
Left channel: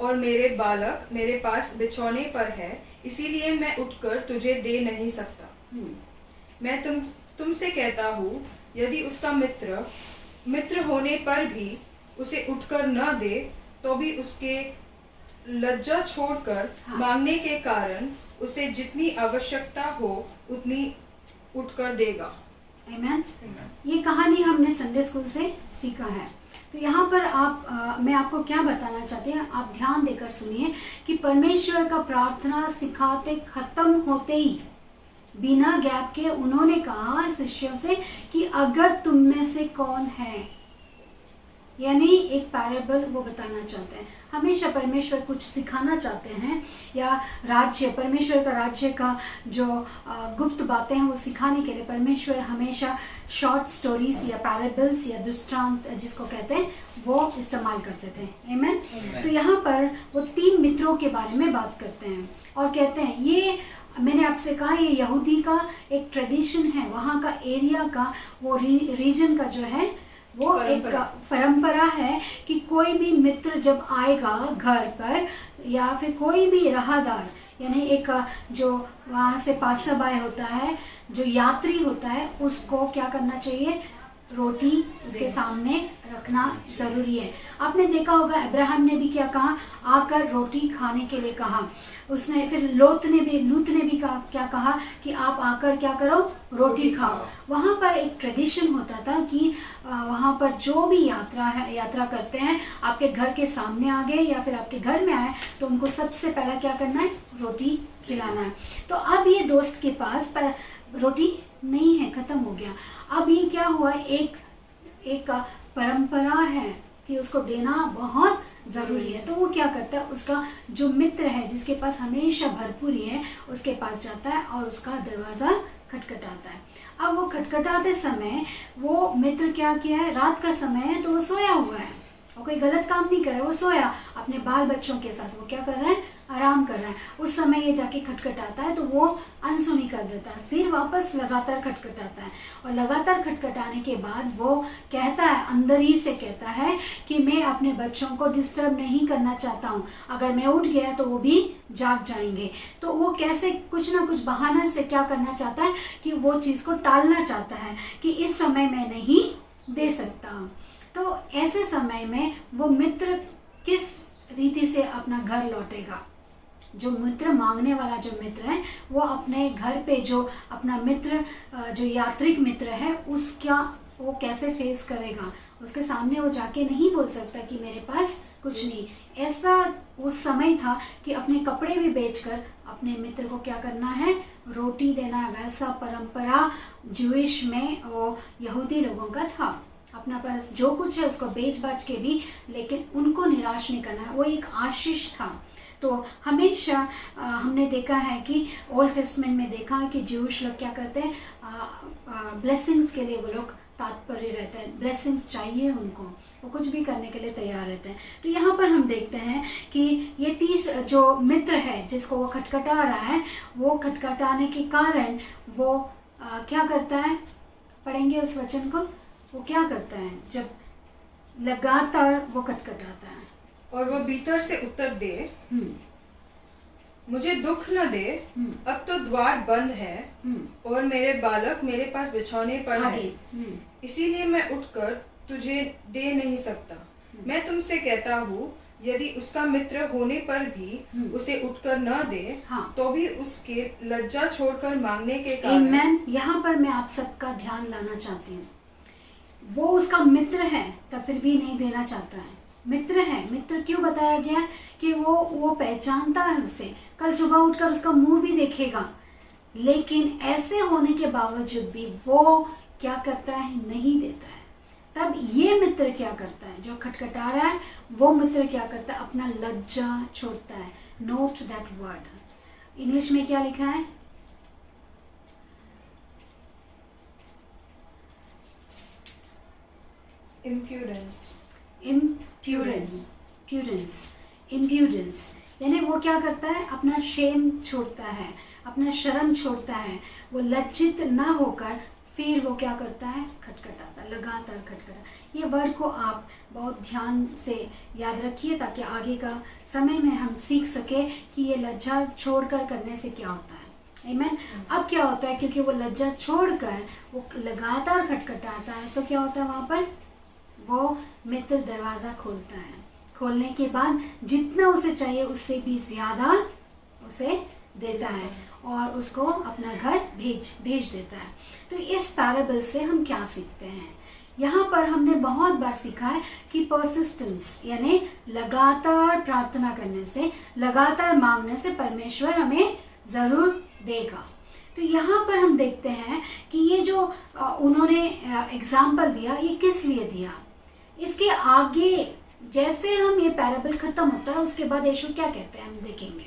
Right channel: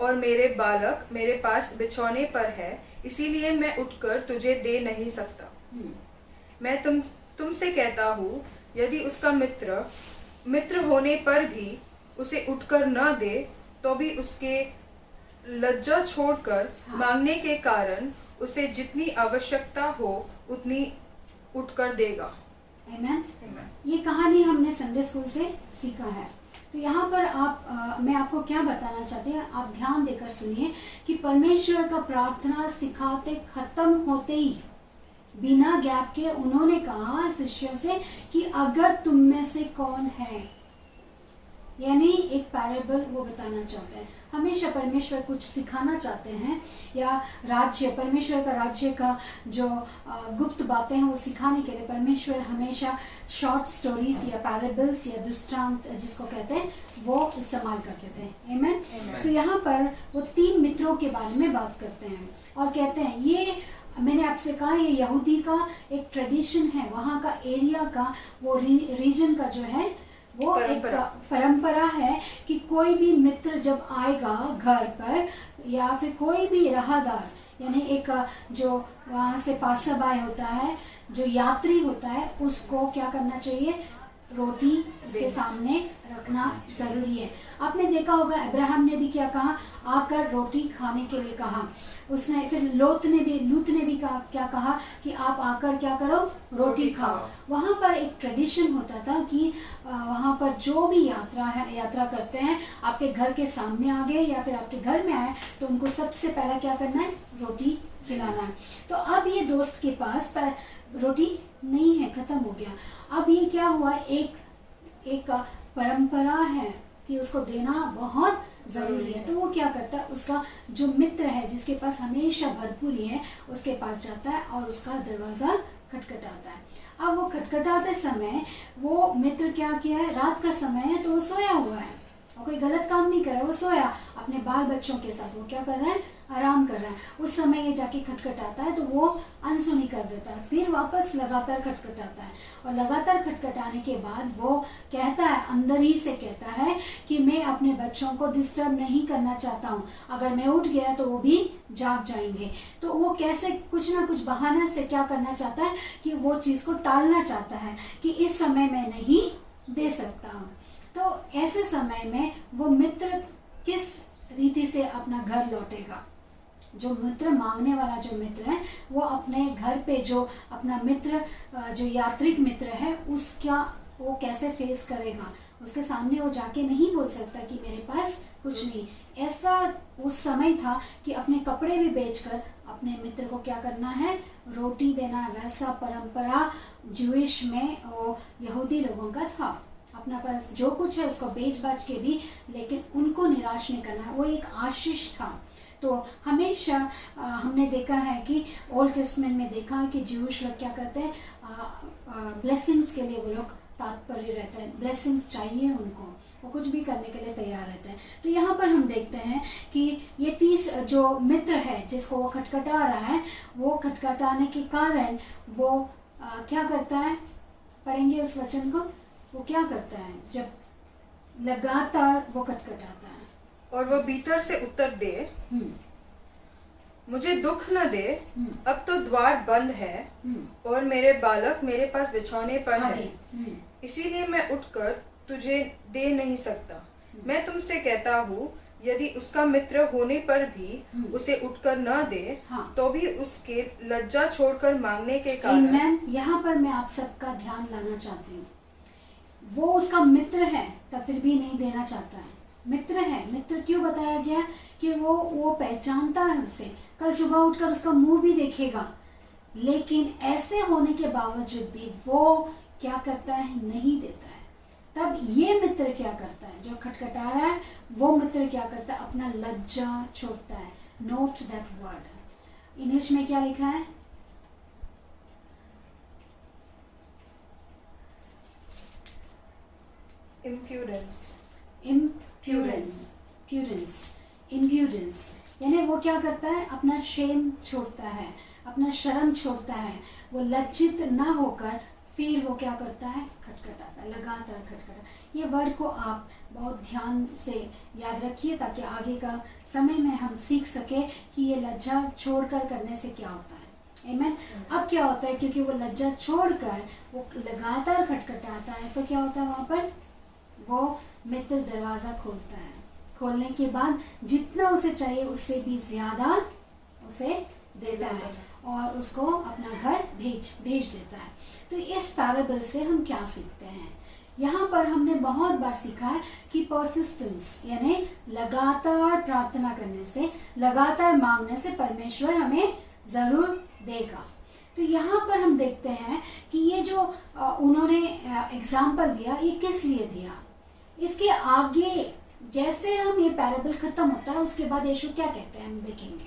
और मेरे बालक मेरे पास बिछौने पर है, इसीलिए मैं उठकर तुझे दे नहीं सकता। मैं तुमसे कहता हूँ, यदि उसका मित्र होने पर भी उसे उठकर न दे, तो भी उसके लज्जा छोड़कर मांगने के कारण उसे जितनी आवश्यकता हो उतनी उठकर देगा। आमीन। ये कहानी हमने संडे स्कूल से सीखा है। तो यहाँ पर मैं आपको क्या बताना चाहती हूँ, आप ध्यान देकर सुनिए कि परमेश्वर का प्रार्थना सिखाते खत्म होते ही बिना गैप के उन्होंने कहा शिष्यों से कि अगर तुम में से कौन है, यानी एक पैराबल वो बताना चाहते हैं। हमेशा परमेश्वर कुछ सिखाना चाहते हैं, या राज्य, परमेश्वर का राज्य का जो गुप्त बातें हैं वो सिखाने के लिए परमेश्वर हमेशा शॉर्ट स्टोरीज या पैराबल्स या दृष्टांत जिसको कहते हैं वो इस्तेमाल करते थे। आमेन। तो यहाँ पर वो 3 मित्रों के बारे में बात करते हैं और कहते हैं, ये मैंने आपसे कहा ये यहूदी का एक ट्रेडिशन है, वहाँ का एरिया का वो रीजन का जो है वो एक परंपरा है कि कोई भी मित्र जब आएगा घर पर या फिर कोई भी राहदार, यानी एक जो वहाँ से पासर बाय होता है, जो यात्री होता है, उसको क्या करना चाहिए, रोटी उसके सामने रखना जरूरी है। आपने देखा होगा अब्राहम ने भी क्या कहा, आकर रोटी खाने के लिए कहा उसने। फिर लूत ने भी कहा, क्या कहा कि आप आकर क्या करो, रोटी खाओ। वहाँ पर एक ट्रेडिशन होता था कि वहाँ पर जो भी यात्रा करते हैं, आपके घर के सामने आ गए या फिर आपके घर में आए तो उनको सबसे पहला क्या करना है, रोटी खिलाना है। तो अब ये दोस्त के पास रोटी नहीं है, खत्म हो गया। अब ये क्या हुआ, एक परंपरा है कि उसको देना बहुत ज़रूरी है। तो वो क्या करता है, उसका जो मित्र है जिसके पास हमेशा भरपूरी है उसके पास जाता है और उसका दरवाज़ा खटखटाता है। अब वो खटखटाते समय वो मित्र क्या किया है, रात का समय है तो वो सोया हुआ है और कोई गलत काम नहीं कर रहा है, वो सोया अपने बाल बच्चों के साथ, वो क्या कर रहा है, आराम कर रहा है। उस समय ये जाके खटखटाता है तो वो अनसुनी कर देता है, फिर वापस लगातार खटखटाता है और लगातार खटखटाने के बाद वो कहता है, अंदर ही से कहता है कि मैं अपने बच्चों को डिस्टर्ब नहीं करना चाहता हूँ, अगर मैं उठ गया तो वो भी जाग जाएंगे। तो वो कैसे कुछ ना कुछ बहाना से क्या करना चाहता है कि वो चीज़ को टालना चाहता है कि इस समय मैं नहीं दे सकता हूँ। तो ऐसे समय में वो मित्र किस रीति से अपना घर लौटेगा, जो मित्र मांगने वाला जो मित्र है वो अपने घर पे जो अपना मित्र जो यात्रिक मित्र है उसका वो कैसे फेस करेगा। उसके सामने वो जाके नहीं बोल सकता कि मेरे पास कुछ नहीं। ऐसा उस समय था कि अपने कपड़े भी बेचकर अपने मित्र को क्या करना है, रोटी देना है। वैसा परंपरा ज्यूइश में और यहूदी लोगों का था, अपना पास जो कुछ है उसको बेच बाच के भी, लेकिन उनको निराश नहीं करना, वो एक आशीष था। तो हमेशा हमने देखा है कि ओल्ड टेस्टमेंट में देखा है कि ज्यूइश लोग क्या करते हैं, ब्लेसिंग्स के लिए वो लोग तात्पर्य रहते हैं, ब्लेसिंग्स चाहिए उनको, वो कुछ भी करने के लिए तैयार रहते हैं। तो यहाँ पर हम देखते हैं कि ये 30 जो मित्र है जिसको वो खटखटा रहा है, वो खटखटाने के कारण वो क्या करता है, पढ़ेंगे उस वचन को। वो क्या करता है, जब लगातार वो खटखटाता है और वह भीतर से उत्तर दे, मुझे दुख न दे, अब तो द्वार बंद है और मेरे बालक मेरे पास बिछौने पर है, इसीलिए मैं उठकर तुझे दे नहीं सकता। मैं तुमसे कहता हूँ, यदि उसका मित्र होने पर भी उसे उठकर न दे, तो भी उसके लज्जा छोड़कर मांगने के कारण। यहाँ पर मैं आप सबका ध्यान लाना चाहती हूँ, वो उसका मित्र है तब फिर भी नहीं देना चाहता है। मित्र है, मित्र क्यों बताया गया कि वो पहचानता है उसे, कल सुबह उठकर उसका मुंह भी देखेगा, लेकिन ऐसे होने के बावजूद भी वो क्या करता है, नहीं देता है। तब ये मित्र क्या करता है, जो खटखटा रहा है वो मित्र क्या करता है, अपना लज्जा छोड़ता है। नोट दैट वर्ड, इंग्लिश में क्या लिखा है, इम्प्यूडेंस, यानी वो क्या करता है, अपना शेम छोड़ता है, अपना शर्म छोड़ता है। वो लज्जित ना होकर फिर वो क्या करता है, खटखटाता, लगातार खटखटा। ये वर्ड को आप बहुत ध्यान से याद रखिए ताकि आगे का समय में हम सीख सके कि ये लज्जा छोड़कर करने से क्या होता है। आमीन। अब क्या होता है, क्योंकि वो लज्जा छोड़कर वो लगातार खटखटाता है, तो क्या होता है, वहाँ पर वो मित्र दरवाज़ा खोलता है। खोलने के बाद जितना उसे चाहिए उससे भी ज़्यादा उसे देता है और उसको अपना घर भेज देता है। तो इस पैराबल से हम क्या सीखते हैं, यहाँ पर हमने बहुत बार सीखा है कि परसिस्टेंस यानी लगातार प्रार्थना करने से, लगातार मांगने से परमेश्वर हमें ज़रूर देगा। तो यहाँ पर हम देखते हैं कि ये जो उन्होंने एग्जाम्पल दिया, ये किस लिए दिया, इसके आगे जैसे हम ये पैराबल खत्म होता है उसके बाद यीशु क्या कहते हैं हम देखेंगे।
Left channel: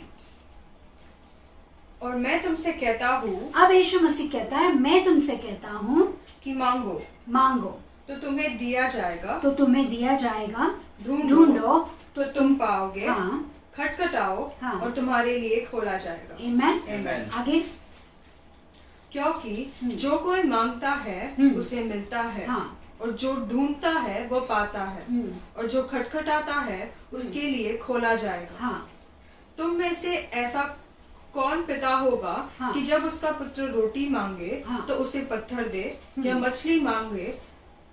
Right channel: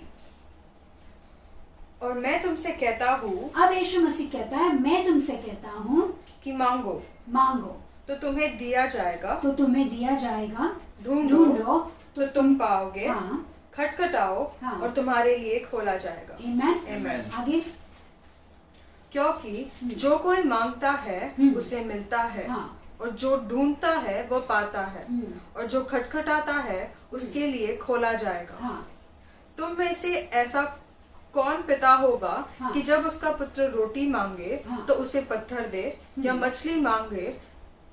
और मैं तुमसे कहता हूँ, अब यीशु मसीह कहता है मैं तुमसे कहता हूँ कि मांगो मांगो तो तुम्हें दिया जाएगा, तो तुम्हें दिया जाएगा, ढूंढो तो तुम पाओगे, हाँ, खटखटाओ हाँ, और तुम्हारे लिए खोला जाएगा। आमेन। आमेन। आगे, क्योंकि जो कोई मांगता है उसे मिलता है, हाँ, और जो ढूंढता है वो पाता है, और जो खटखटाता है उसके लिए खोला जाएगा। हाँ, तुम में से ऐसा कौन पिता होगा हाँ, कि जब उसका पुत्र रोटी मांगे हाँ, तो उसे पत्थर दे, या मछली मांगे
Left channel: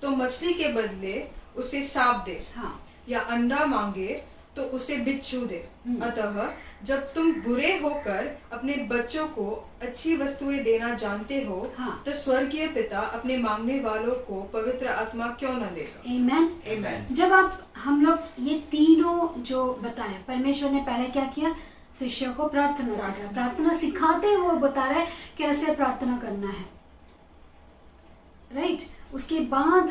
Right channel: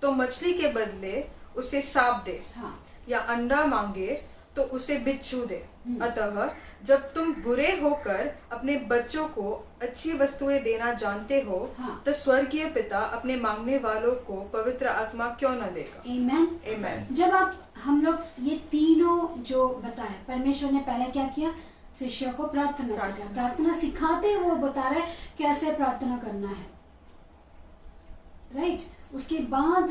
तो मछली के बदले उसे सांप दे, हाँ, या अंडा मांगे तो उसे बिच्छू दे। अतः जब तुम बुरे होकर अपने बच्चों को अच्छी वस्तुएं देना जानते हो, हाँ, तो स्वर्गीय पिता अपने मांगने वालों को पवित्र आत्मा क्यों न देगा। आमेन। आमेन। जब हम लोग ये तीनों जो बताया, परमेश्वर ने पहले क्या किया, शिष्यों को प्रार्थना सिखाया, प्रार्थना सिखाते वो बता रहे कैसे प्रार्थना करना है, राइट। उसके बाद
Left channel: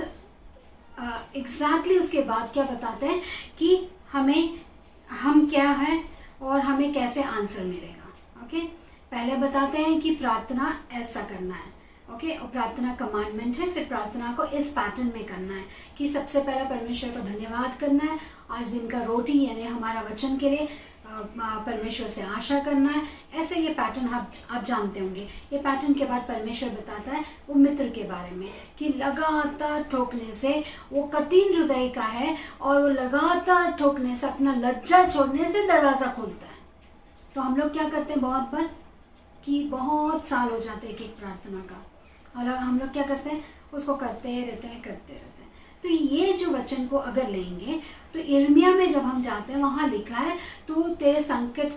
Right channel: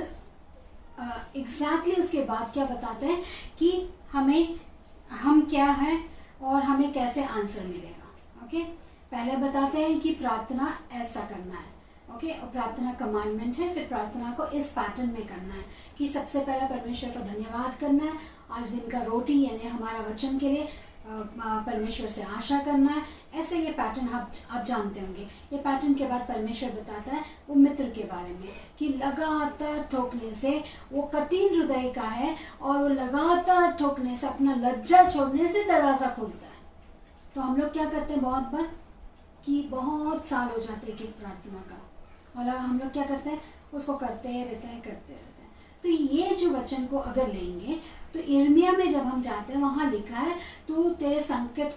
एग्जैक्टली उसके बाद क्या बताते हैं कि हम क्या है और हमें कैसे आंसर मिलेगा। ओके, पहले बताते हैं कि प्रार्थना ऐसा करना है, ओके, और प्रार्थना कमांडमेंट है। फिर प्रार्थना को इस पैटर्न में करना है कि सबसे पहले परमेश्वर को धन्यवाद करना है, आज दिन का रोटी यानी हमारा वचन के लिए परमेश्वर से आशा करना है। ऐसे ये पैटर्न आप जानते होंगे। ये पैटर्न के बाद परमेश्वर बताता है वो मित्र के बारे में कि लगातार ठोकने से वो कठिन हृदय का है, और वो लगातार ठोकने से, अपना लज्जा छोड़ने से दरवाज़ा खोलता है। तो हम लोग क्या करते हैं बहुत बार कि बहुत साल हो जाते हैं एक प्रार्थना का, और हम लोग क्या करते हैं उसको करते रहते हैं। तो ये जो वचन को अगर लेंगे तो यिर्मयाह में जब हम जाते हैं वहाँ लिखा है, तो तेरे संकट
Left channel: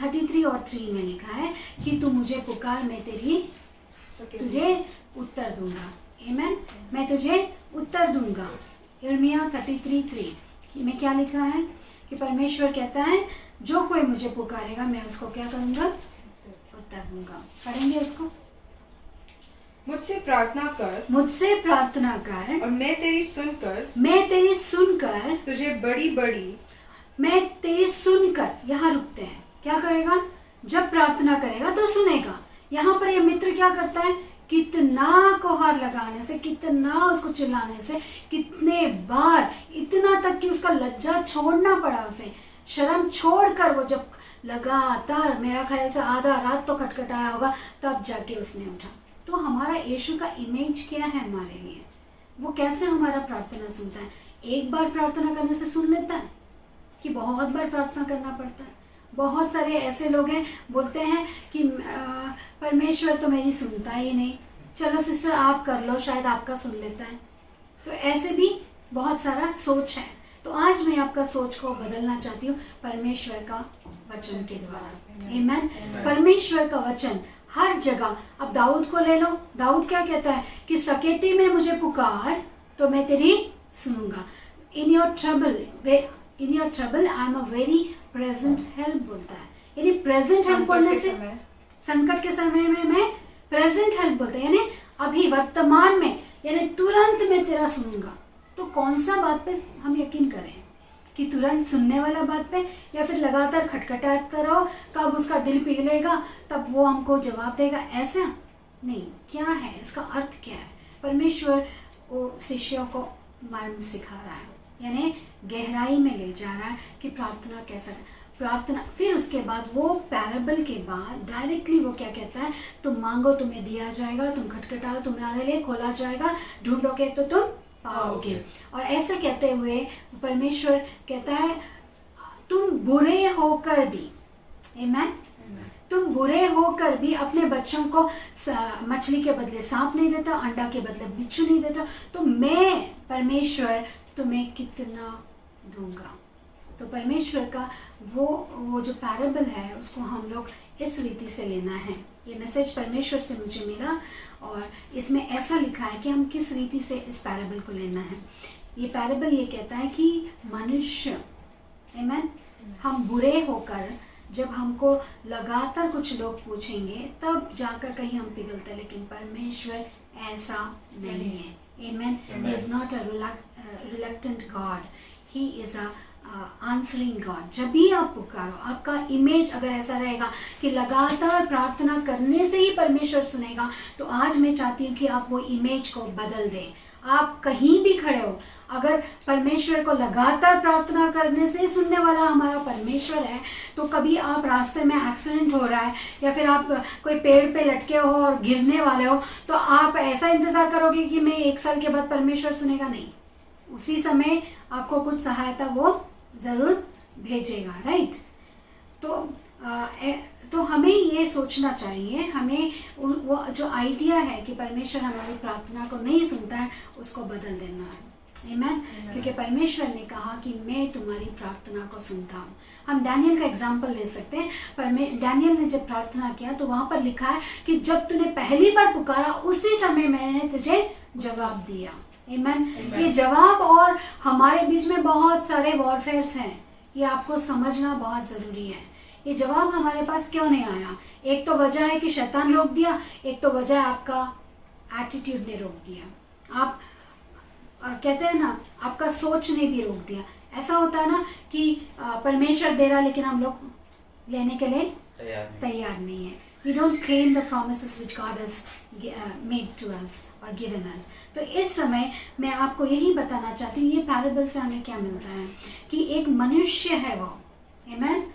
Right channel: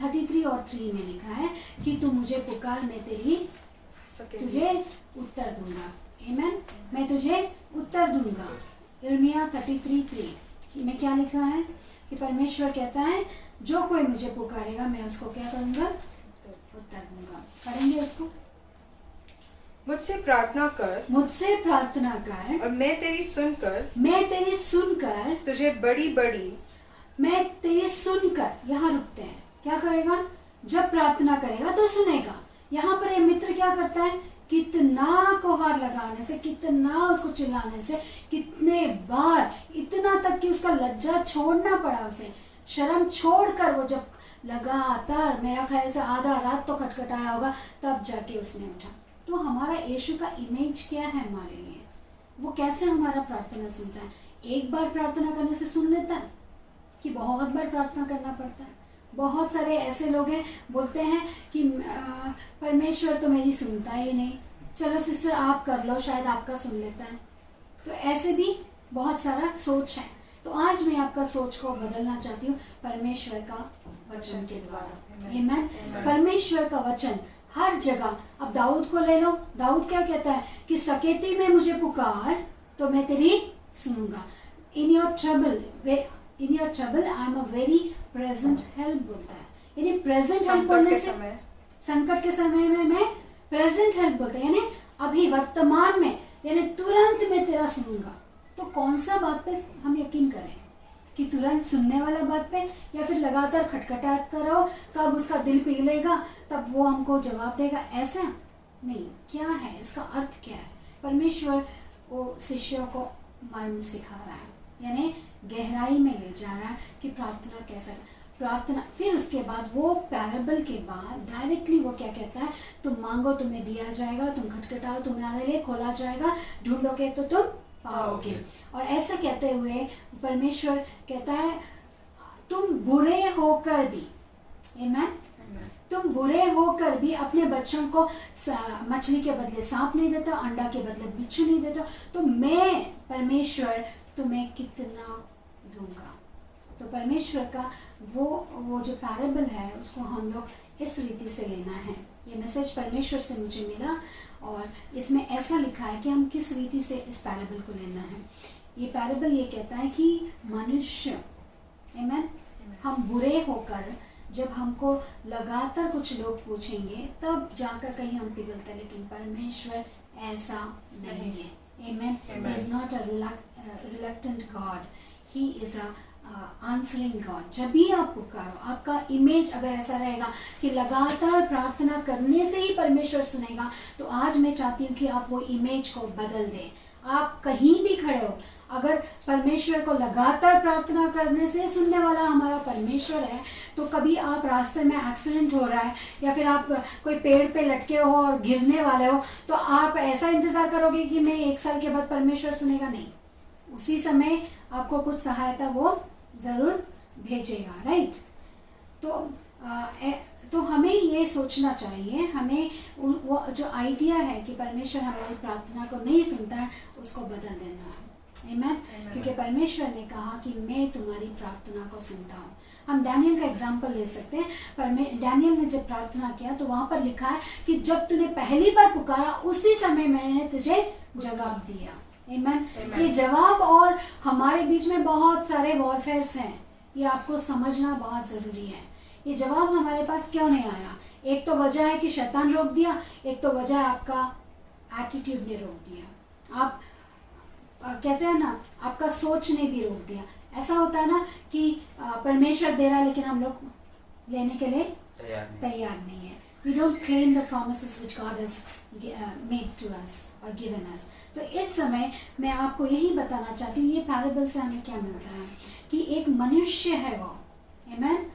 33 और 3 में लिखा है कि तू मुझे पुकार, मैं तुझे उत्तर दूंगा। आमेन, मैं तुझे उत्तर दूंगा। यिर्मयाह 33:3 में क्या लिखा है कि परमेश्वर कहता है जो कोई मुझे पुकारेगा मैं उसको क्या करूंगा, उत्तर दूंगा। पढ़ेंगे उसको। मुझसे प्रार्थना कर, और मैं तेरी सुनकर तुझे मैं तेरी सुनकर, यहाँ रुकते हैं। क्या करेगा, जब प्रार्थना करेगा तो सुनेगा। यहाँ पर ये मित्र क्या करता है, कितना कोहार लगाने से, कितना उसको चिल्लाने से, कितने बार, इतना तक कि उसका लज्जा छोड़ना पड़ा उसे, शर्म छोड़कर वो जब लगातार, मेरा ख्याल से आधा रात तो खटखटाया होगा, तब जाके उसने उठा। तो हमारा यीशु का इमेज क्या है हमारे लिए, वो कैसे हमारा प्रार्थना सुनता है। एक बार प्रार्थना करने से सुन लेता है कि बहुत बार प्रार्थना करना पड़ता है। बहुत सारे ऐसे लोग हैं बोलते हैं कि परमेश्वर तो मेरी सुनता ही नहीं, चलो सिस्टर आप कर लो, शायद आपका सुन लेता है। तो ऐसे भी बहुत सारा सोच है। तो आज मैं आपका सोच को बदलना चाहती हूँ परमेश्वर का वचन के द्वारा। आमेन। परमेश्वर का वचन हर जगह, अब दाऊद को ले लो, दाऊद क्या कहता है कि सकेती में मुझे पुकार तो मैं तेरी सुनूंगा। In your trouble I am a very present help बोलता है। यानी प्रेजेंट हेल्प बोलने से, संकट के समय में मैं प्रेजेंट हेल्प बोलता है, यानी अभी वर्तमान में, यानी तुरंत मैं तेरा सुनूंगा। तो कौन सा बात पे हम यकीन करें कि तुरंत सुनने वाला बात पे, या फिर लगातार खटखटाता रहो, कब उसका दिल पिघलेगा तब वो हमको जवाब देगा, ऐसा नहीं। क्या है इसका अर्थ, क्या है? परमेश्वर वो शिष्यों को मर्म सिखा रहा है, यानी गहराई में ले जा रहा है कि प्रार्थना कैसा प्रार्थना। फिर उसके बाद वो पैराबल के बाद डायरेक्टली वो क्या कहता है, तुम मांगो तुम्हें दिया जाएगा, तुम खटखटाओ तुम्हारे लिए खोला जाएगा, ढूंढोगे तो तुम पाओगे। और ऐसा कहते हुए परमेश्वर कहता है तुम बुरे होकर भी, आमेन, तुम बुरे होकर भी अपने बच्चों को मछली के बदले सांप नहीं देता, अंडा के बदले बिच्छू नहीं देता, तो मैं परमेश्वर तुम्हें कितना दूंगा। तो परमेश्वर का वो जो पैराबल है उसको हम लोग इस रीति से लेना है। ये मैसेज परमेश्वर से मुझे मिला और इसमें ऐसा लिखा है कि हम किस रीति से इस पैराबल को लेना है। ये पैराबल ये कहता है कि मनुष्य, आमेन, हम बुरे होकर जब हमको लगातार कुछ लोग पूछेंगे तब जाकर कहीं हम पिघलते, लेकिन परमेश्वर ऐसा नहीं है। Amen. He is not a reluctant God. He is a answering God. जब भी आप पुकारो, आपका इमेज अगर ऐसा रहेगा कि लगातार प्रार्थना करने से ही परमेश्वर सुनेगा, तो आज मैं चाहती हूँ कि आप वो इमेज को बदल दें। आप कहीं भी खड़े हो, अगर परमेश्वर को लगातार प्रार्थना करने से सुनने वाला हमारा परमेश्वर है, तो कभी आप रास्ते में एक्सीडेंट हो रहा है या फिर आप कोई पेड़ पे लटके हो और गिरने वाले हो, तो आप ऐसा इंतजार करोगे कि मैं 1 साल के बाद परमेश्वर सुनेगा? नहीं, उसी समय आपको कुछ सहायता वो जरूर भेजेगा, राइट? तो हमें ये सोचना चाहिए, हमें वो जो आइडिया है कि परमेश्वर हमारी प्रार्थना को नहीं सुनता है, उसको बदल देना है। आमीन। क्योंकि परमेश्वर ने कहा कि मैं तुम्हारी प्रार्थना को सुनता हूँ। हम डैनियल का एग्जाम्पल ले सकते हैं। डैनियल ने जब प्रार्थना किया तो वहां पर लिखा है कि जब तूने पहली बार पुकारा उसी समय मैंने तुझे जवाब दिया। आमीन। ये जवाब, और हमारे बीच में बहुत सारे वॉरफेयर्स हैं, ये आपको समझना बहुत जरूरी है। ये जवाब हमारे पास क्यों नहीं आया? एक तो वजह है कि शैतान रोक दिया, एक तो वजह आपका एटीट्यूड ने रोक दिया। आप कहते हैं ना, आपका सोच ने भी रोक दिया। ऐसा होता है ना कि परमेश्वर दे रहा लेकिन हम लोग लेने के लिए तैयार नहीं है। We don't claim the promises which God has made to us or given us. तो इस समय मैं आपको यही बताना चाहती हूँ, ये पैराबल से हमें क्या मिलता है कि एक मनुष्य है वो, आमीन,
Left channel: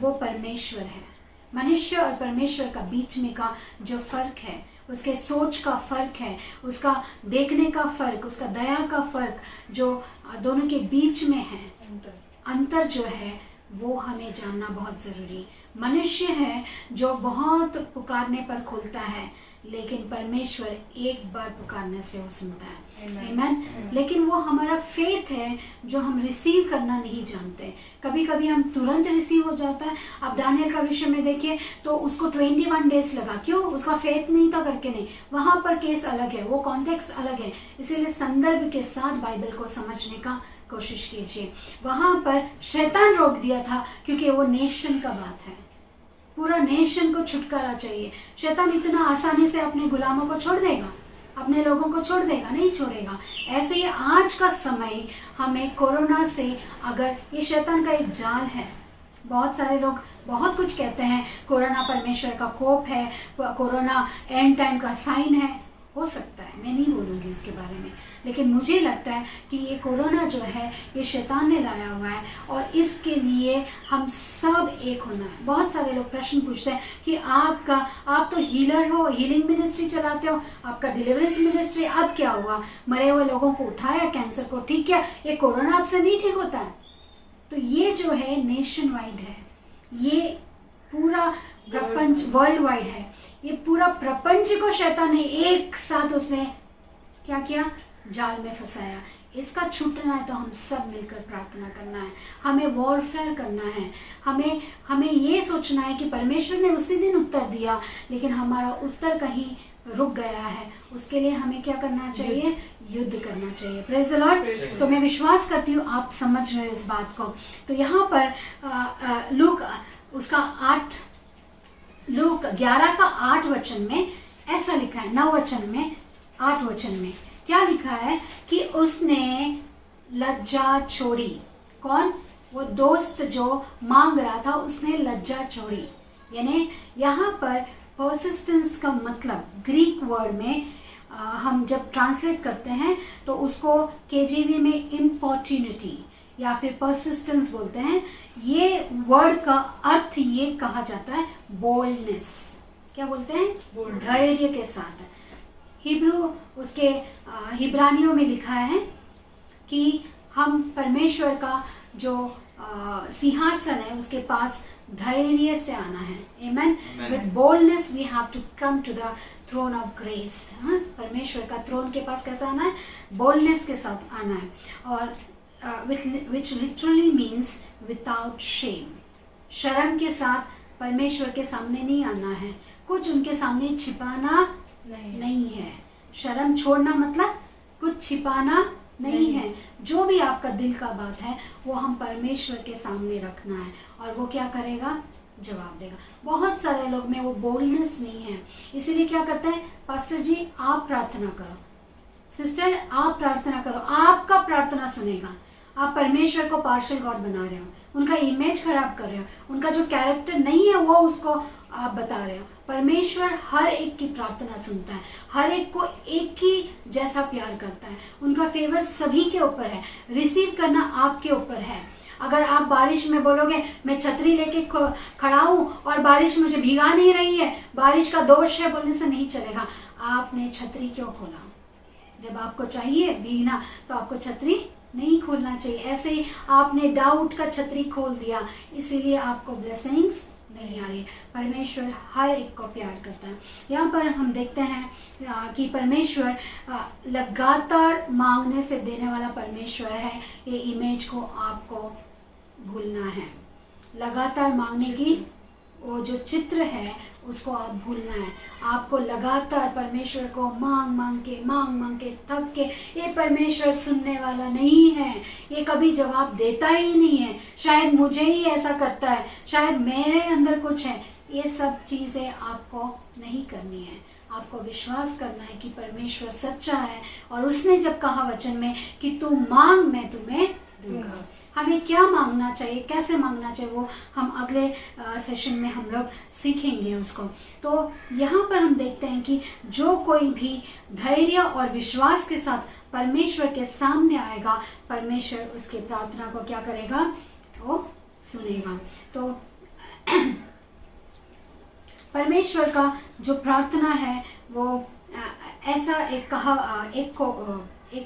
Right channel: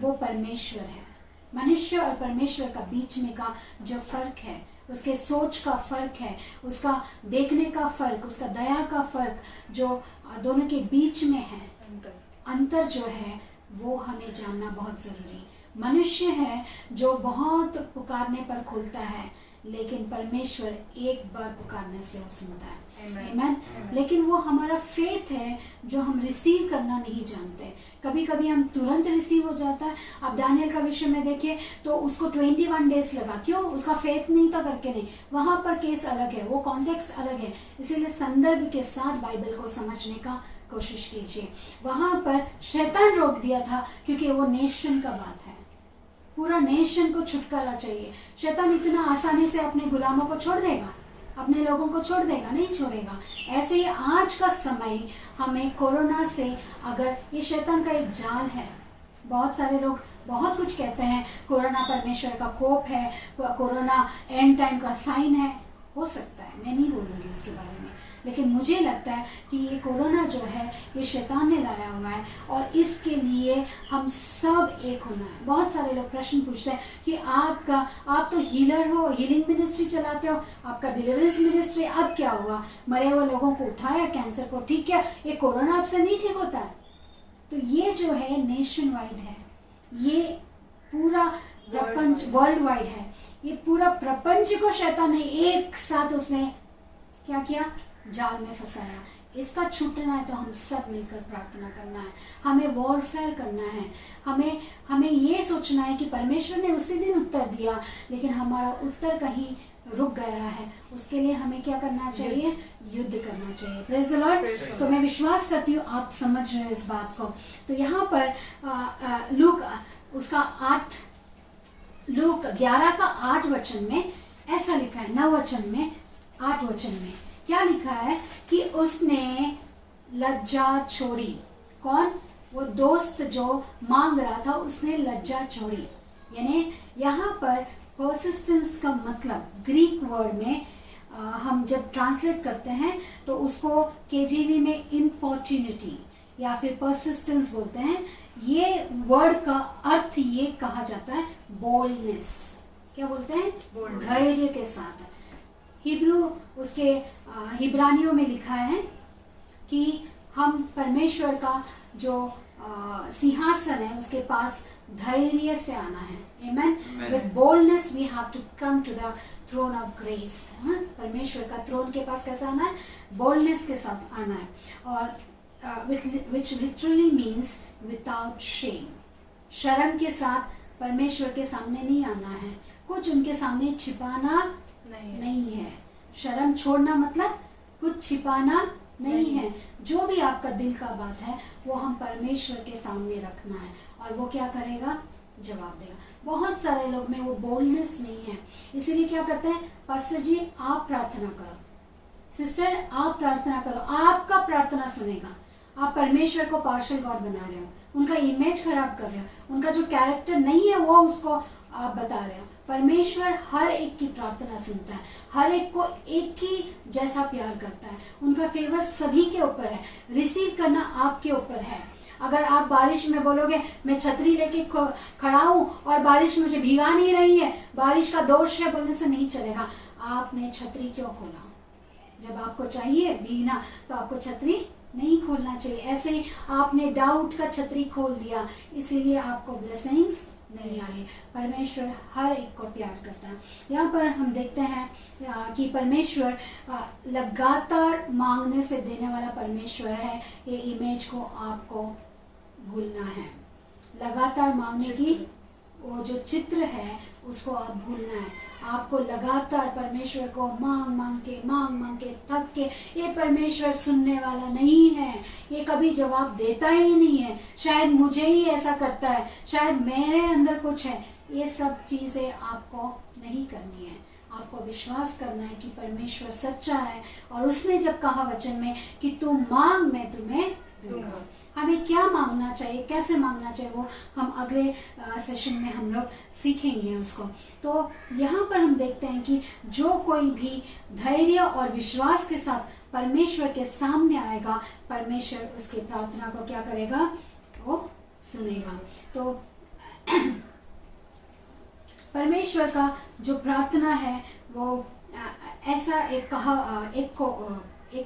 वो परमेश्वर है। मनुष्य और परमेश्वर का बीच में का जो फर्क है, उसके सोच का फर्क है, उसका देखने का फर्क, उसका दया का फर्क, जो दोनों के बीच में है, अंतर जो है वो हमें जानना बहुत जरूरी। मनुष्य है जो बहुत पुकारने पर खुलता है, लेकिन परमेश्वर एक बार पुकारने से वो सुनता है। आमीन। लेकिन वो हमारा फेथ है जो हम रिसीव करना नहीं जानते। कभी कभी हम तुरंत रिसीव हो जाता है। आप दानियल का विषय में देखिए तो उसको 21 डेज लगा। क्यों? उसका फेथ नहीं था करके नहीं, वहां पर केस अलग है, वो कॉन्टेक्स्ट अलग है। इसीलिए संदर्भ के साथ बाइबल को समझने का कोशिश कीजिए। वहां पर शैतान रोक दिया था क्योंकि वो नेशन का बात है, पूरा नेशन को छुटकारा चाहिए। शैतान इतना आसानी से अपने गुलामों को छोड़ देगा, अपने लोगों को छोड़ देगा? नहीं छोड़ेगा। ऐसे ही आज का समय हमें कोरोना से, अगर ये शैतान का एक जाल है, बहुत सारे लोग बहुत कुछ कहते हैं, कोरोना परमेश्वर का कोप है, कोरोना एंड टाइम का साइन है। हो सकता है, मैं नहीं बोलूँगी उसके बारे में, लेकिन मुझे लगता है कि ये कोरोना जो है ये शैतान ने लाया हुआ है और इसके लिए हम सब एक होना है। बहुत सारे लोग प्रश्न पूछते हैं कि आप तो हीलर हो, हीलिंग मिनिस्ट्री चलाते हो, आपका डिलीवरेंस मिनिस्ट्री, अब क्या हुआ? मरे हुए लोगों को उठाया, कैंसर को ठीक किया, ये कोरोना आपसे नहीं ठीक होता है? तो ये जो है नेशन वाइड है, ये पूरा प्रपंच वर्ल्ड वाइड है। ये पूरा प्रपंच को शैतान ने एक साथ उसने क्या किया? जाल में फंसाया। इसका छूटना है तो हम सब मिलकर प्रार्थना करना है, हमें वॉरफेयर करना है, हमें ये सोचना है कि परमेश्वर ने उसी दिन उत्तर दिया, लेकिन हमारा उत्तर कहीं रुक गया है। उसके लिए हमें क्या करना चाहिए? युद्ध करना चाहिए। Praise the Lord. तो मैं विश्वास करती हूँ आप समझ रहे हो इस बात को। तो यहाँ पर लूक उसका 11 का 8 वचन में ऐसा लिखा है, 9 वचन में 8 वचन में क्या लिखा है कि उसने लज्जा छोड़ी। कौन? वो दोस्त जो मांग रहा था, उसने लज्जा छोड़ी। यानी यहाँ पर परसिस्टेंस का मतलब ग्रीक वर्ड में हम जब ट्रांसलेट करते हैं तो उसको केजीवी में इम्पोर्ट्यूनिटी या फिर परसिस्टेंस बोलते हैं। ये वर्ड का अर्थ ये कहा जाता है बोल्डनेस। क्या बोलते हैं? धैर्य के साथ। हिब्रू उसके हिब्रानियों में लिखा है कि हम परमेश्वर का जो सिंहासन है उसके पास धैर्य से आना है। Amen. With boldness we have to come to the throne of grace. परमेश्वर का थ्रोन के पास कैसा आना है? बोल्डनेस के साथ आना है। और which literally means without shame। शर्म के साथ परमेश्वर के सामने नहीं आना है, कुछ उनके सामने छिपाना नहीं है। शर्म छोड़ना मतलब कुछ छिपाना नहीं है। जो भी आपका दिल का बात है वो हम परमेश्वर के सामने रखना है और वो क्या करेगा? जवाब देगा। बहुत सारे लोग में वो बोल्डनेस नहीं है, इसीलिए क्या करते हैं? पास्टर जी आप प्रार्थना करो, सिस्टर आप प्रार्थना करो, आपका प्रार्थना सुनेगा। आप परमेश्वर को पार्शियल गॉड बना रहे हो, उनका इमेज खराब कर रहे हो, उनका जो कैरेक्टर नहीं है वो उसको आप बता रहे हो। परमेश्वर हर एक की प्रार्थना सुनता है, हर एक को एक ही जैसा प्यार करता है, उनका फेवर सभी के ऊपर है, रिसीव करना आपके ऊपर है। अगर आप बारिश में बोलोगे मैं छतरी लेके खड़ा हूं और बारिश मुझे भिगा नहीं रही है, बारिश का दोष है बोलने से नहीं चलेगा। आपने छतरी क्यों खोला? जब आपको चाहिए भीगना तो आपको छतरी नहीं खोलना चाहिए। ऐसे ही आपने डाउट का छतरी खोल दिया, इसीलिए आपको ब्लेसिंग्स नहीं आ रही। परमेश्वर हर एक को प्यार करता है। यहाँ पर हम देखते हैं कि परमेश्वर लगातार मांगने से देने वाला परमेश्वर है। ये इमेज को आपको भूलना है। लगातार मांगने की वो जो चित्र है उसको आप भूलना है। आपको लगातार परमेश्वर को मांग मांग के थक के, ये परमेश्वर सुनने वाला नहीं है, ये कभी जवाब देता ही नहीं है, शायद मुझे ही ऐसा करता है, शायद मेरे अंदर कुछ है। ये सब चीज़ें आपको नहीं करनी है। आपको विश्वास करना है कि परमेश्वर सच्चा है और उसने जब कहा वचन में कि तू मांग मैं तुम्हें दूंगा। हमें क्या मांगना चाहिए, कैसे मांगना चाहिए, वो हम अगले सेशन में हम लोग सीखेंगे उसको। तो यहाँ पर हम देखते हैं कि जो कोई भी धैर्य और विश्वास के साथ परमेश्वर के सामने आएगा, परमेश्वर उसके प्रार्थना को क्या करेगा, वो सुनेगा। तो परमेश्वर का जो प्रार्थना है वो ऐसा एक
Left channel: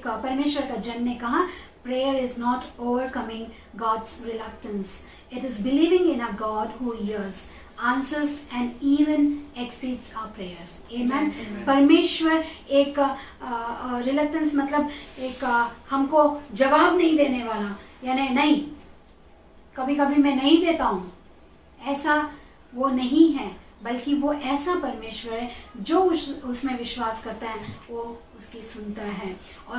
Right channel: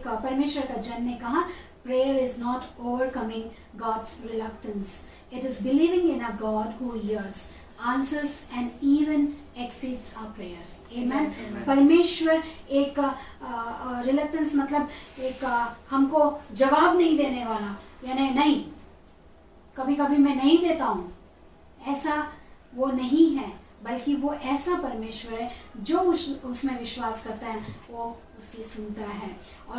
परमेश्वर का जन ने कहा, prayer is not overcoming God's reluctance. It is believing in a God who hears, answers and even exceeds our prayers. Amen. परमेश्वर एक reluctance मतलब एक हमको जवाब नहीं देने वाला, यानी नहीं, कभी कभी मैं नहीं देता हूँ, ऐसा वो नहीं है, बल्कि वो ऐसा परमेश्वर है जो उसमें विश्वास करता है वो उसकी सुनता है। और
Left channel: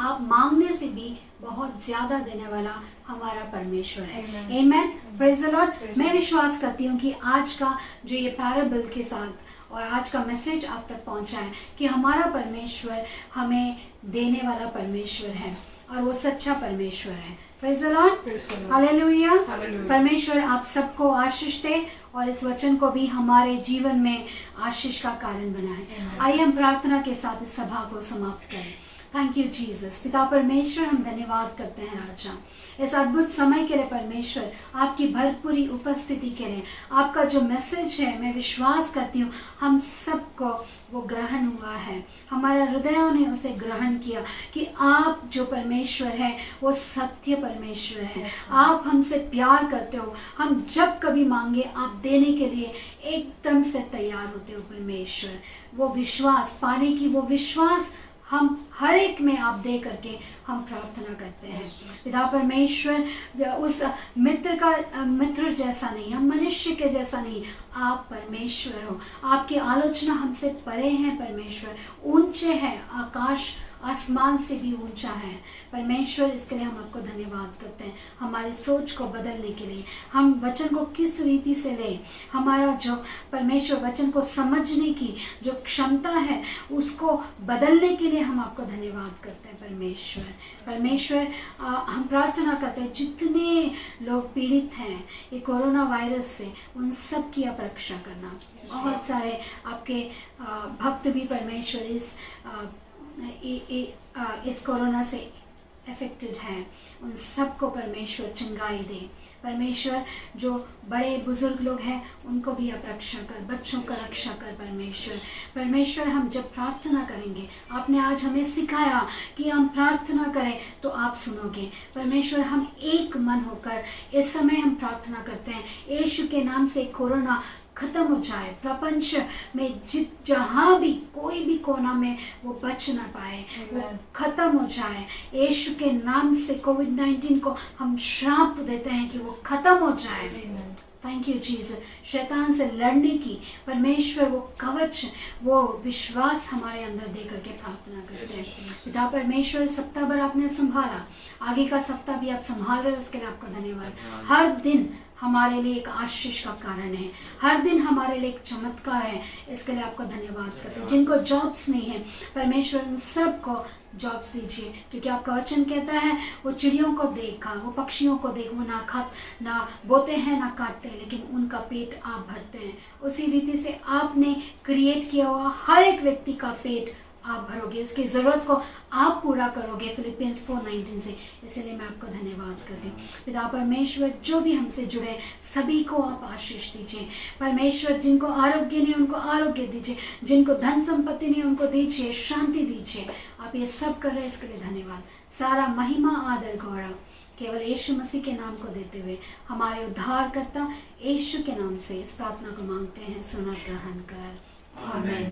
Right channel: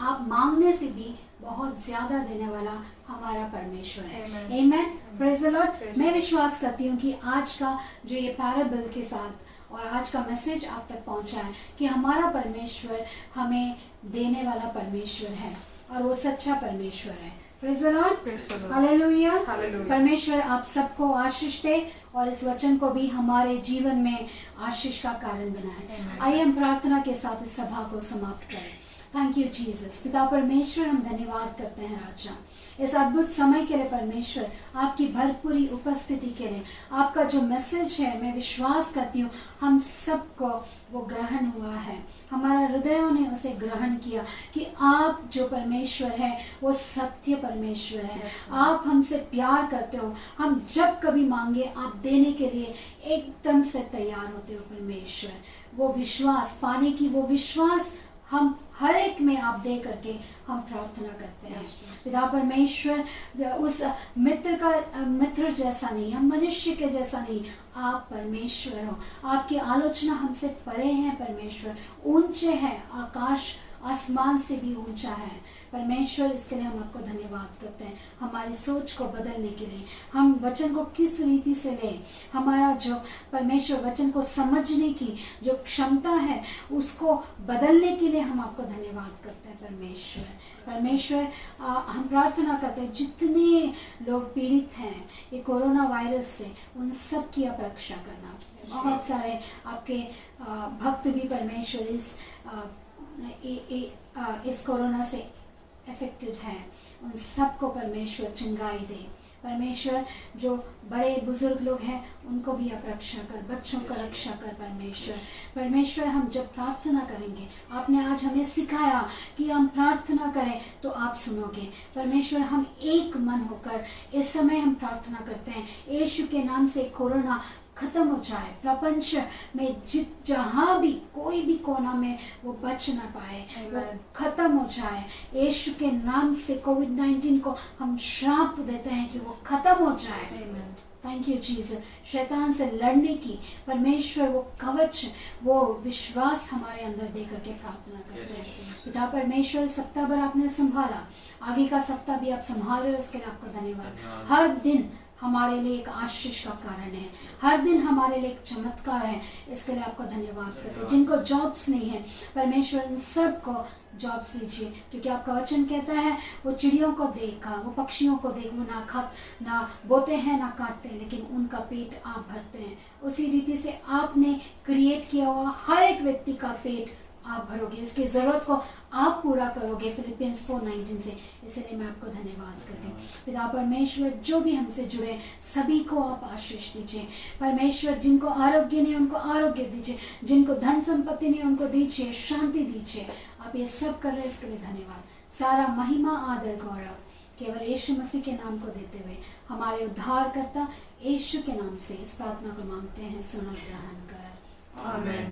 आप मांगने से भी बहुत ज्यादा देने वाला हमारा परमेश्वर है। आमेन, प्रेज द लॉर्ड। मैं विश्वास करती हूँ कि आज का जो ये पैराबल के साथ और आज का मैसेज आप तक पहुँचा है कि हमारा परमेश्वर हमें देने वाला परमेश्वर है और वो सच्चा परमेश्वर है। Praise the Lord, hallelujah. परमेश्वर आप सबको आशीष दे और इस वचन को भी हमारे जीवन में आशीष का कारण बनाए। आइए हम प्रार्थना के साथ इस सभा को समाप्त करें। Thank you Jesus. पिता परमेश्वर, हम धन्यवाद करते हैं राजा इस अद्भुत समय के लिए। परमेश्वर आपकी भरपूरी उपस्थिति के लिए, आपका जो मैसेज है मैं विश्वास करती हूँ हम सबको वो ग्रहण हुआ है, हमारा हृदयों ने उसे ग्रहण किया कि आप जो परमेश्वर है वो सत्य परमेश्वर है। आप हमसे प्यार करते हो, हम जब कभी मांगे आप देने के लिए एकदम से तैयार होते हो परमेश्वर। वो विश्वास पाने की, वो विश्वास हम हर एक में आप दे करके हम प्रार्थना करते हैं। पिता परमेश्वर, उस मित्र जैसा नहीं, हम मनुष्य के जैसा नहीं, आप परमेश्वर हो। आपकी आलोचना हमसे परे हैं परमेश्वर, ऊंचे हैं, आकाश आसमान से भी ऊंचा है परमेश्वर। इसके लिए हम आपको धन्यवाद करते हैं, हमारी सोच को बदलने के लिए, हम वचन को किस रीति से लें, हमारा जो परमेश्वर वचन को समझने की जो क्षमता है उसको बदलने के लिए हम आपको धन्यवाद करते हैं परमेश्वर। परमेश्वर हम प्रार्थना करते हैं जितने लोग पीड़ित हैं ये कोरोना वायरस से, उन सब की आप रक्षा करना। बहुत सारे आपके भक्त भी परमेश्वर इस कोरोना से अफेक्टेड हैं, उन सबको परमेश्वर चंगाई दे। परमेश्वर जो बड़े बुजुर्ग लोग हैं उनको भी आप रक्षा कर, बच्चों का रक्षा कर परमेश्वर। परमेश्वर हम जब प्रार्थना करेंगे, आपने आज हमें सिखाया कि हम प्रार्थना करें तो आप सुनोगे परमेश्वर। हम एक मन होकर इस समय हम प्रार्थना करते हैं, यीशु के नाम से कोरोना खत्म हो जाए, प्रपंच में जहाँ भी कोई भी कोना में वो बच ना पाए, वो खत्म हो जाए। यीशु के नाम से कोविड-19 को हम श्राप देते हैं कि वो खत्म हो जाए। Thank you Jesus. शैतान से लड़ने की परमेश्वर वो कवच, वो विश्वास हमारे अंदर दे करके प्रार्थना करते हैं। पिता परमेश्वर, सप्ताह भर आपने संभाला, आगे का सप्ताह भी आप संभाल रहे हो, उसके लिए आपको धन्यवाद। हर दिन हमारे लिए एक आशीष का कारण है, हर दिन हमारे लिए एक चमत्कार है। इसके लिए आपका धन्यवाद करते हैं। जिनको जॉब्स नहीं है परमेश्वर उन सबको जॉब्स दीजिए, क्योंकि आपका वचन कहता है वो चिड़ियों को देखा, वो पक्षियों को देख, वो ना बोते हैं ना काटते हैं, लेकिन उनका पेट आप भरते हैं। उसी रीति से आपने क्रिएट किया हुआ हर एक व्यक्ति का पेट आप भरोगे, उसकी ज़रूरत को आप पूरा करोगे फिलिपियंस 4:19 से। इसलिए मैं आपको धन्यवाद करती हूँ पिता परमेश्वर। जो भी हमसे जुड़े सभी को आप आशीष दीजिए परमेश्वर। जिनको आरोग्य नहीं उनको आरोग्य दीजिए, जिनको धन संपत्ति नहीं उनको दीजिए, शांति दीजिए। आप ये सब कर रहे हैं, इसके लिए धन्यवाद। सारा महिमा आदर गौरव केवल यीशु मसीह के नाम को देते हुए हमारे उद्धारकर्ता यीशु के नाम से इस प्रार्थना को मांगते हैं, सुन और ग्रहण कर, आमीन।